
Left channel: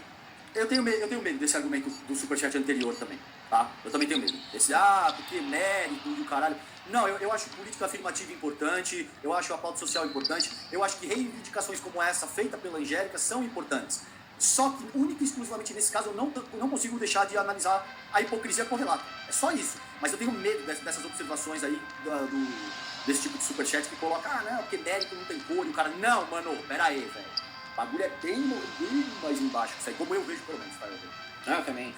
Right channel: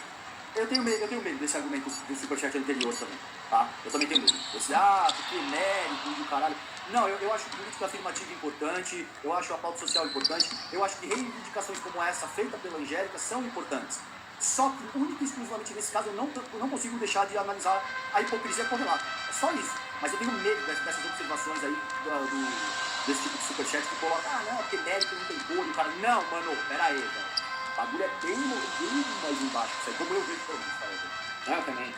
Eu tenho medo desse argumento do superchat anterior também, tá? Eu também tenho medo. Esse, porque mérito do caralho. Não, eu acho política afirmativa importante, eu acho a pauta social importante, eu acho que reivindicações como essa, feita pela Angélica, são importantes. Só que, único e exclusivamente nesse caso, eu não consigo deixar de analisar a hipocrisia correlata. É só isso. Mas eu tenho medo dessas observações aí, desse tipo de superchat que coloca, não, porque mérito não tem cor, e o cara, não, mano, pera aí, velho. O bagulho é bem mais embaixo, isso aí, como eu vejo pelo menos, tá? Eu também.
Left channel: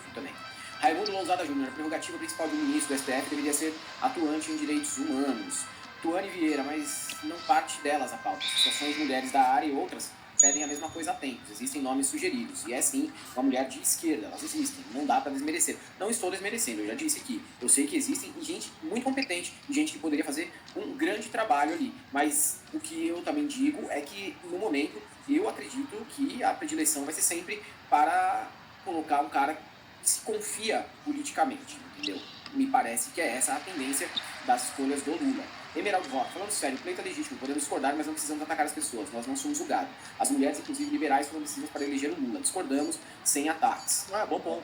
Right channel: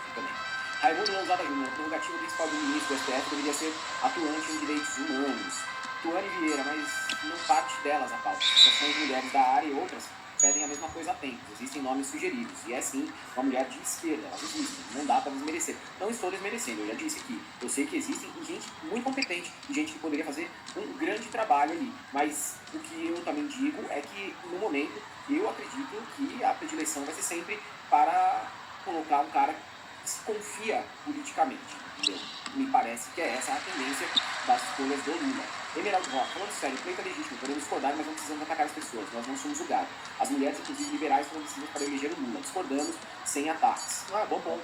Raimundo Lousada Júnior, a prerrogativa principal do ministro do STF deveria ser atuante em direitos humanos. Tuane Vieira, mas não parte delas a pauta. Associações de mulheres da área e outras pedem a mesma coisa há tempos. Existem nomes sugeridos. E é sim uma mulher de esquerda. Elas existem. Não dá para desmerecer. Não estou desmerecendo, eu já disse aqui. Eu sei que existem gente muito competente e gente que poderia fazer um grande trabalho ali. Mas o que eu também digo é que, no momento, eu acredito que a predileção vai ser sempre para colocar um cara que se confia politicamente. Entendeu? Me parece que é essa a tendência das escolhas do Lula. Emeraldo Rock, falando sério, o pleito é legítimo, podemos discordar, mas não precisamos atacar as pessoas, nós não somos julgados. As mulheres, inclusive liberais, foram decisivas para eleger o Lula. Discordamos sem ataques. Bom ponto.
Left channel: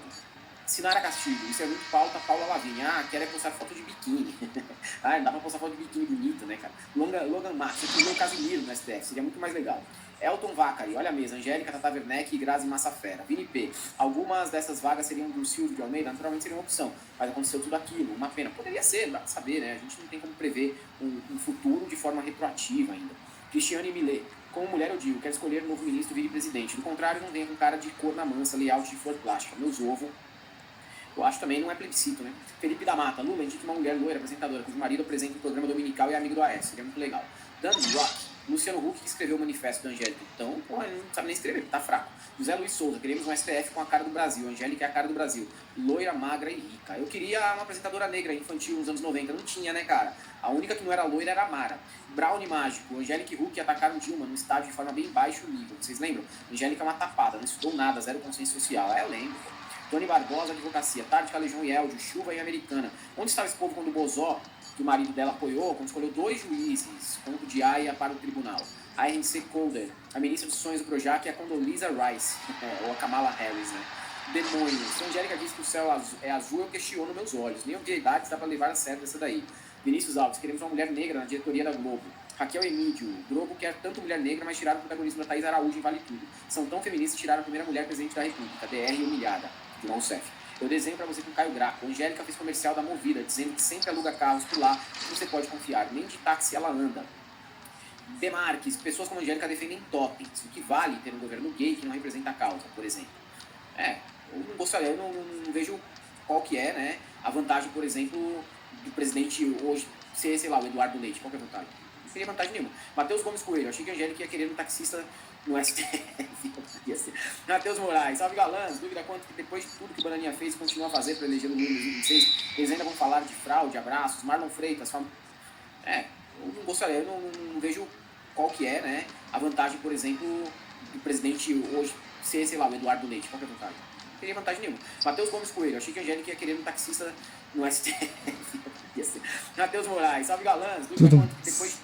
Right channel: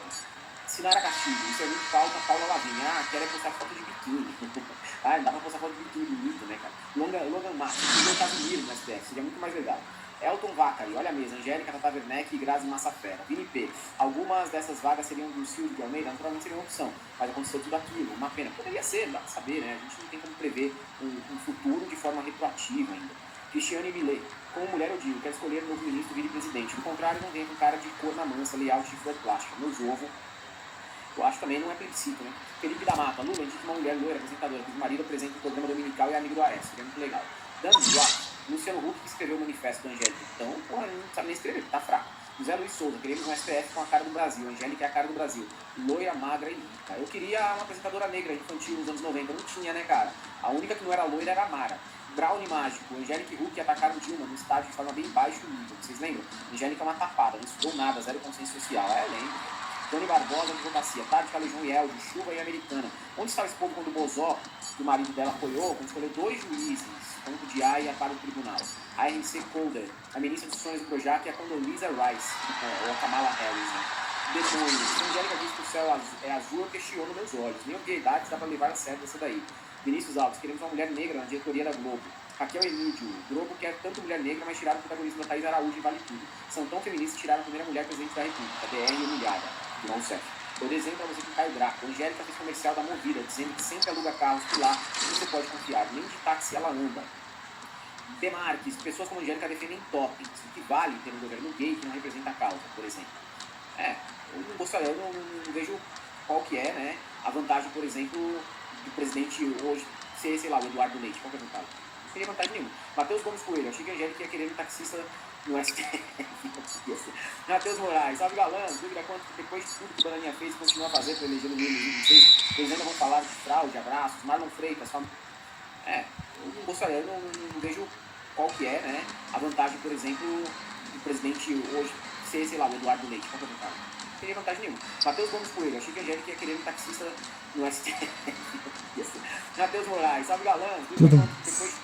Sinara Castilho, isso é muito pauta, Paula Lavinha. Quer postar foto de biquíni. Não dá pra postar foto de biquíni bonito, né, cara? Logan Marques, eu um Casimiro no STF, seria muito mais legal. Elton Vacari, olha a mesa, Angélica, Tata Werneck e Grazi Massafera. Vini P. Algumas dessas vagas seriam do Silvio de Almeida, naturalmente seria uma opção, mas aconteceu tudo aquilo, uma pena. Poderia ser, não dá pra saber, né? A gente não tem como prever um futuro de forma retroativa ainda. Cristiane Millet, como mulher eu digo, quero escolher um novo ministro e vice-presidente. Do contrário, não vem com cara de cor na mansa, layout de flor plástica. Meus ovos, eu acho também não é plebiscito, né? Felipe da Mata, Lula, indica uma mulher loira, apresentadora, cujo marido apresenta o programa dominical e é amigo do Aécio, seria muito legal. Dan Rock, Luciano Huck, que escreveu o manifesto da Angélica. Então, ele não sabe nem escrever, tá fraco. José Luiz Souza, queremos um STF com a cara do Brasil. A Angélica é a cara do Brasil. Loira, magra e rica. Eu queria uma apresentadora negra infantil nos anos 90. Não tinha, né, cara? A única que não era loira era a Mara. Brownie Mágico. Angélica e Huck atacaram Dilma no estádio de forma bem baixo nível. Vocês lembram? Angélica é uma tapada, não estudou nada, zero consciência social. Eu lembro. Tony Barbosa, advocacia. Tática, Legião e Eldio, Chuva e Americana. Onde estava esse povo quando o Bozó, que o marido dela apoiou, quando escolheu 2 juízes, ponto de aia para o tribunal? A RNC Colder, a ministra dos sonhos do Projac é a Condoleezza Rice, ou a Kamala Harris, né? Demônio, se a Angélica diz que o céu é azul, eu questiono meus olhos. Nem obviedades dá para levar a sério essa daí. Vinícius Alves, queremos uma mulher negra na diretoria da Globo. Raquel Emílio, Globo quer tanto mulher negra, mas tiraram o protagonismo da Thaís Araújo e Vale Tudo. São tão feministas que tiraram a primeira mulher presidente da República, DR humilhada, virou um chefe. Eu desenho pra você com o Caio Draco. A Angélica fez comercial da Movida, dizendo que sempre aluga carros por lá e você pode confiar. Nem de táxi ela anda. Demarques, pessoas como a Angélica defendem toppings, o que vale ter um governo gay que não representa a causa, por exemplo. Eu não gostaria, eu não vejo qual que é, né, a vantagem, por exemplo, do presidente hoje ser, sei lá, o Eduardo Leite. Qual que é a vantagem? Não seria vantagem nenhuma. Matheus Gomes Coelho, achei que a Angélica ia querer um taxista no STF. Matheus Moraes, salve galã, dúvida quanto que depois de tudo que o Bananinha fez continua a fazer para eleger no Lula em 2026, eles ainda vão falar de fraude, abraços, Marlon Freitas, eu não gostaria, eu não vejo qual que é, né, a vantagem, por exemplo, do presidente hoje ser, sei lá, o Eduardo Leite. Qual que é a vantagem? Não teria vantagem nenhuma. Matheus Gomes Coelho, achei que a Angélica ia querer um taxista no STF. Matheus Moraes, salve galãs, depois de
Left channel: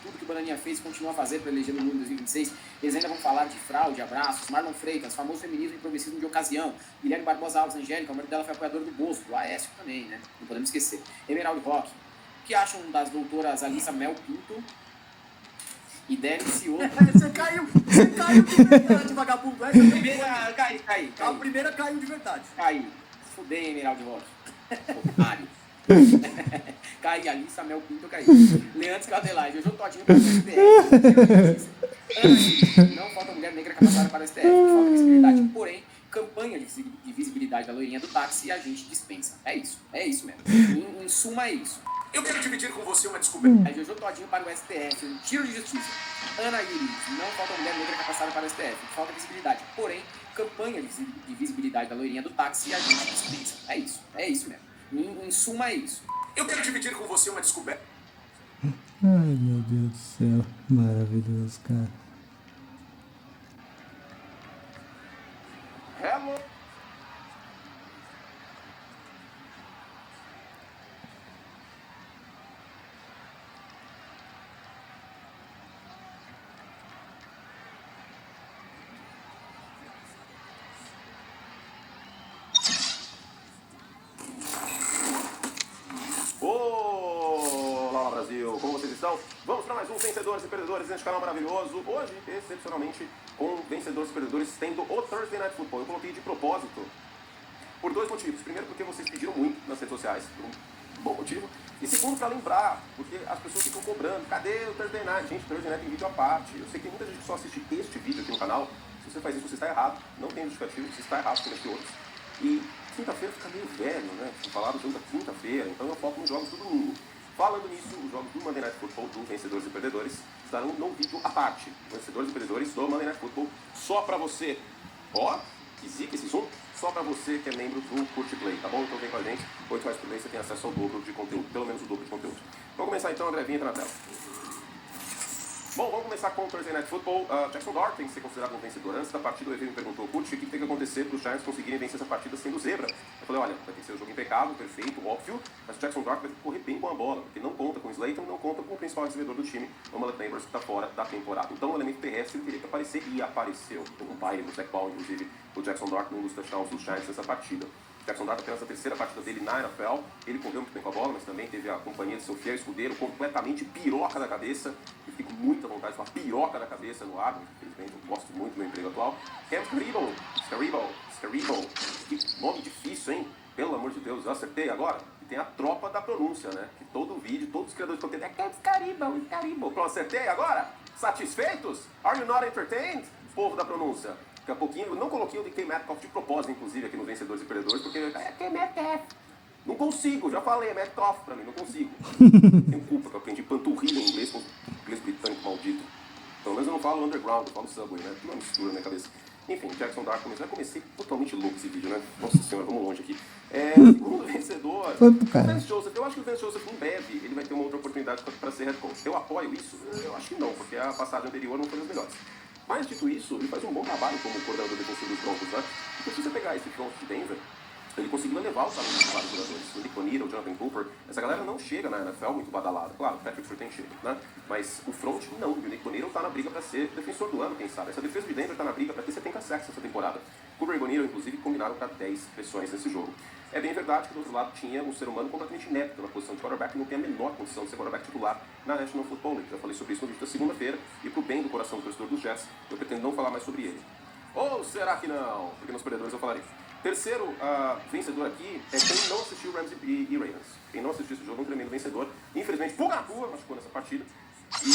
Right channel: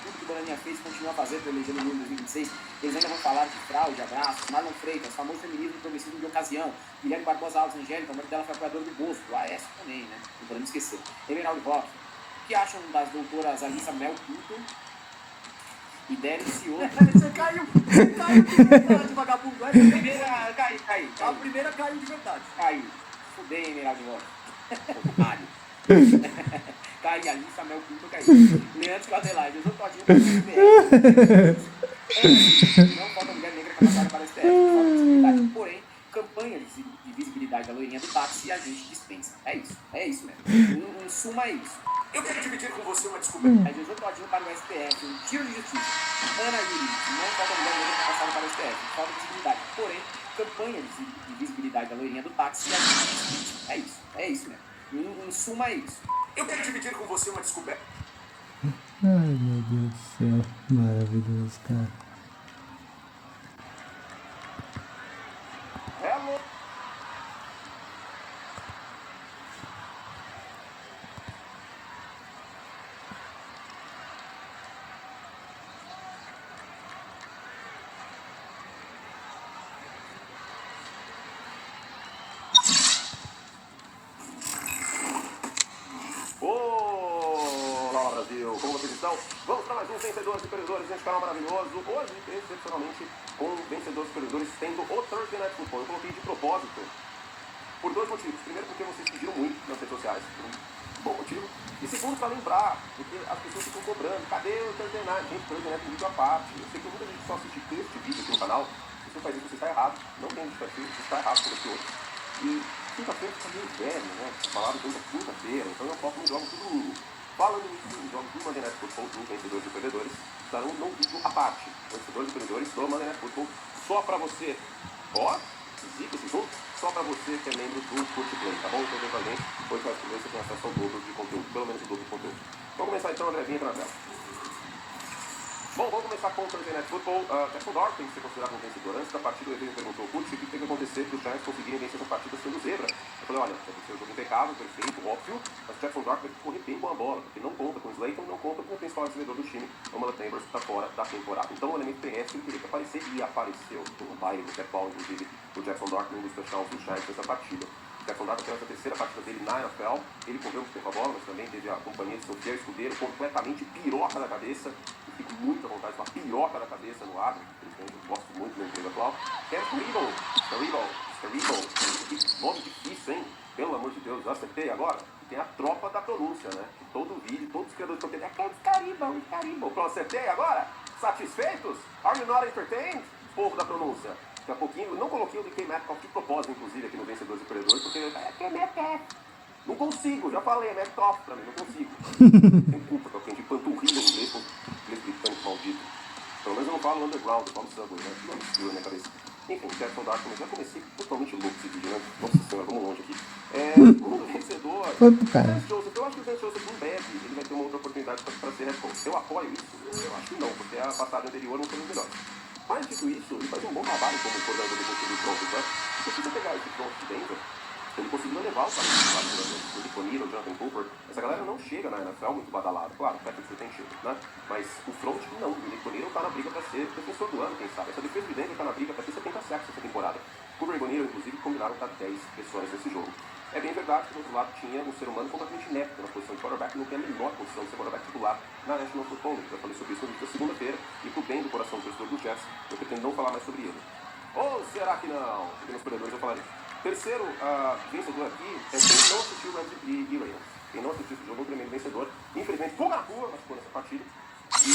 tudo que o Bananinha fez continua a fazer para eleger no Lula em 2026, eles ainda vão falar de fraude, abraços, Marlon Freitas, famoso feminismo progressismo de ocasião, Guilherme Barbosa Alves, Angélica, o marido dela foi apoiador do Bozo, do Aécio também, né, não podemos esquecer. Emeraldo Roque, o que acham das doutoras Alissa Mel Pinto e Deli Ciolo? Você caiu de vagabundo. A primeira caiu de verdade. Caiu. Fudei, Emeraldo Roque. Mário. Caiu ali, Samuel Pinto caiu. Leandro Cadelage, eu sou todinho para o STF. Não falta mulher negra capacitada para o STF. Falta visibilidade. Porém, campanha de visibilidade da loirinha do táxi a gente dispensa. É isso mesmo. Em suma, é isso. Eu quero dividir com você uma descoberta. Eu sou todinho para o STF, um tiro de justiça. Ana Yuri, não falta mulher negra capacitada para o STF. Falta visibilidade. Porém, campanha de visibilidade da loirinha do táxi a gente dispensa. É isso mesmo. Em suma, é isso. Eu quero dividir com você uma descoberta. Ai, meu Deus do céu. Maravilhoso, cara. Hello. Olá, Brasil! Como vocês estão? Vamos para mais um Vencedores e Perdedores neste canal maravilhoso. Hoje, excepcionalmente, com Vencedores e Perdedores tendo o Thursday Night Football. Eu coloquei de propósito por dois motivos. Primeiro, porque vocês pediram muito nas redes sociais, por um bom motivo. E segundo, para lembrar, porque as pessoas ficam cobrando. Cadê o Thursday Night? Gente, Thursday Night tem vídeo à parte. Eu sei que muita gente só assiste este vídeo aqui no canal. Se você faz isso, você está errado. Não tem justificativa, você está errado por aqui outros. E quinta-feira fica meio velho, né? Vocês falaram tanto quinta-feira, então eu foco nos jogos do domingo. Falando nisso, os jogos do Monday Night Football, do Vencedores e Perdedores, estarão num vídeo à parte. Vencedores e Perdedores do Monday Night Football, só pra você. Ó, zica esse jogo, só pra você que é membro do Curte Play, tá bom? Então vem com a gente, R$8 por mês você tem acesso ao dobro de conteúdo, pelo menos o dobro de conteúdo. Vamos começar então, André, vinha na tela. Bom, vamos começar com o Thursday Night Football. Jackson Dart tem que ser considerado um vencedor. Antes da partida, o evento perguntou ao Curte o que tem que acontecer para os Giants conseguirem vencer essa partida sendo zebra. Eu falei, olha, vai ter que ser um jogo impecável, perfeito, óbvio, mas o Jackson Dart vai ter que correr bem com a bola, porque não conta com o Slayton e não conta com o principal recebedor do time, o Mala Tambers, que está fora da temporada. Então o elemento terrestre teria que aparecer e apareceu. Com o baile do Jack Ball, inclusive, o Jackson Dart num dos touchdowns dos Giants nessa partida. O Jackson Dart apenas a terceira partida dele na NFL, ele correu muito tempo a bola, mas também teve a companhia de seu fiel escudeiro, completamente piroca da cabeça. Fico com muita vontade de falar piroca da cabeça no ar, infelizmente eu gosto muito do meu emprego atual. Cam Scaribo, que nome difícil, hein? Pelo amor de Deus, eu acertei agora. E tem a tropa da pronúncia, né? Que todo vídeo, todos os criadores de conteúdo é Cam Scaribo. Pronto, acertei agora? Satisfeitos? Are you not entertained? Povo da pronúncia. Daqui a pouquinho, eu não coloquei o DK Metcalf de propósito, inclusive, aqui no Vencedores e Perdedores, porque é Metcalf. Não consigo, já falei, é Metcalf pra mim, não consigo. Tem culpa que eu aprendi panturrilha em inglês, com inglês britânico maldito. Pelo menos eu não falo underground, eu falo subway, né? Não mistura na minha cabeça. Enfim, Jackson Dart, já comecei totalmente louco esse vídeo, né? Nossa senhora, vamos longe aqui. O vencedor... Foi pro cara. Eu acho que o Vance Joseph, em breve, ele vai ter uma outra oportunidade para ser head coach. Eu apoio isso? Eu acho que não, porque a passada anterior não foi os melhores. Mas, dito isso, ele faz um bom trabalho como coordenador defensivo pronto, né? Se você pegar esse front de Denver, ele conseguiu levar o time do Nick Bonito, o Jonathan Cooper. Essa galera não chega na NFL muito badalada. Claro, o Patrick Surtain chega, né? Mas o front não. O Nick Bonito tá na briga para ser defensor do ano, quem sabe. Essa defesa de Denver tá na briga para ter 70 sacks essa temporada. Cooper e Bonito, inclusive, combinaram para 10 pressões nesse jogo. É bem verdade que do outro lado tinha um ser humano completamente inepto na posição de quarterback, que não tem a menor condição de ser quarterback titular na National Football League. Já falei sobre isso no vídeo da segunda-feira, e pro bem do coração do torcedor dos Jets, eu pretendo não falar mais sobre ele. Ou será que não? Porque nos perdedores eu falarei. Terceiro vencedor aqui é quem não assistiu Rams e Ravens. Quem não assistiu esse jogo é um tremendo vencedor. Infelizmente, fuga na rua, machucou nessa partida. E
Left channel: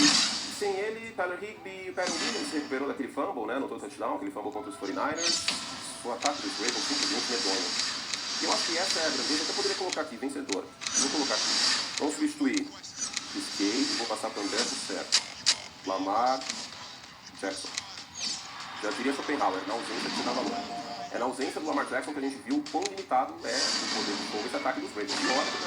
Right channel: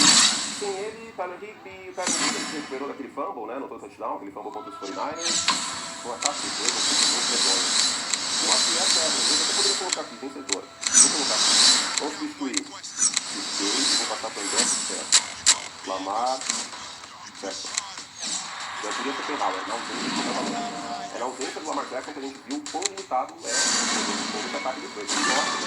sem ele, Tyler Higbee e o Kyle Williams se recuperou daquele fumble, né? No touchdown, aquele fumble contra os 49ers. Um ataque de jogo, muito medonho. Eu acho que essa é a grande. Eu até poderia colocar aqui, vencedor. Vou colocar aqui. Vamos substituir os dois, vou passar para o André, certo. Lamar, certo. Já diria que na ausência do Lamar Jackson que a gente viu o quão limitado é o ataque dos Ravens.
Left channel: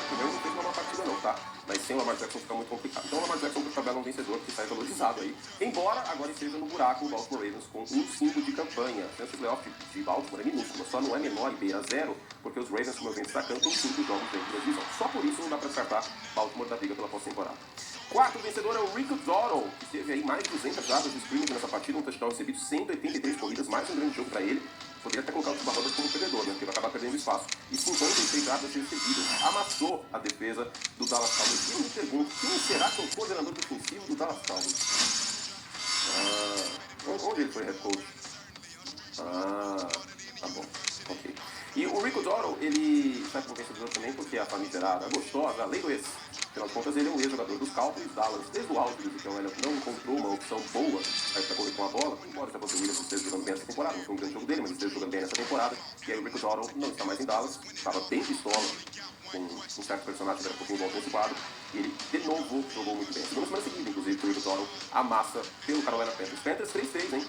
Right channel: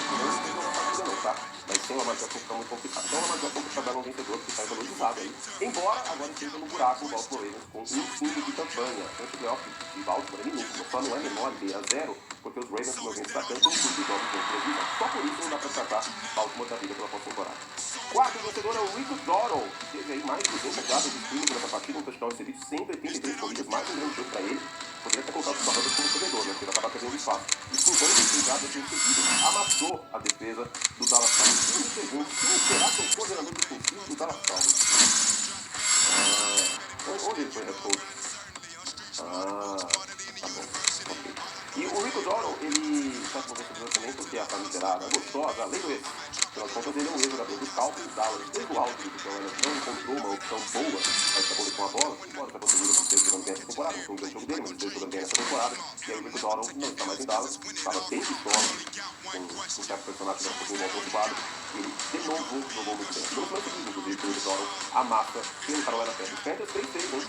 Não fez uma partida não, tá? Mas sem o Lamar Jackson fica muito complicado. Então o Lamar Jackson fica belo um vencedor que sai valorizado aí. Embora agora esteja no buraco o Baltimore Ravens com um fundo de campanha. O playoff de Baltimore é minúsculo, só não é menor, beira zero, porque os Ravens, como eu venho destacando, tem 5 jogos de televisão. Só por isso não dá pra descartar Baltimore da briga pela pós-temporada. Quarto vencedor é o Rico Dottle, que teve aí mais de 200 jardas de sprint nessa partida, um touchdown recebido, 183 corridas, mais um grande jogo para ele. Poderia até colocar os barradas como corredor, né? Porque ele acaba perdendo espaço. E 56 jardas recebidas. Amassou a defesa do Dallas Cowboys. E me pergunto, quem será que é o coordenador defensivo do Dallas Cowboys? Onde ele foi head coach? Tá bom. Ok. E o Rico Dottle, ele está como vencedor também porque a famigerada gostosa, lei do ex. Pelas contas, ele é um ex-jogador dos Cowboys, Dallas teve o alto, então ela não encontrou uma opção boa para estar com a bola, embora essa oportunidade esteja jogando bem essa temporada, não foi um grande jogo dele, mas esteja jogando bem essa temporada, e aí o Rico Dottle não está mais em Dallas, estava bem pistola, com um certo personagem que era um pouquinho mal ocupado, e ele de novo jogou muito bem. No segundo, inclusive, o Rico Dottle amassa pelo Carolina Panthers. Panthers 3-3, hein?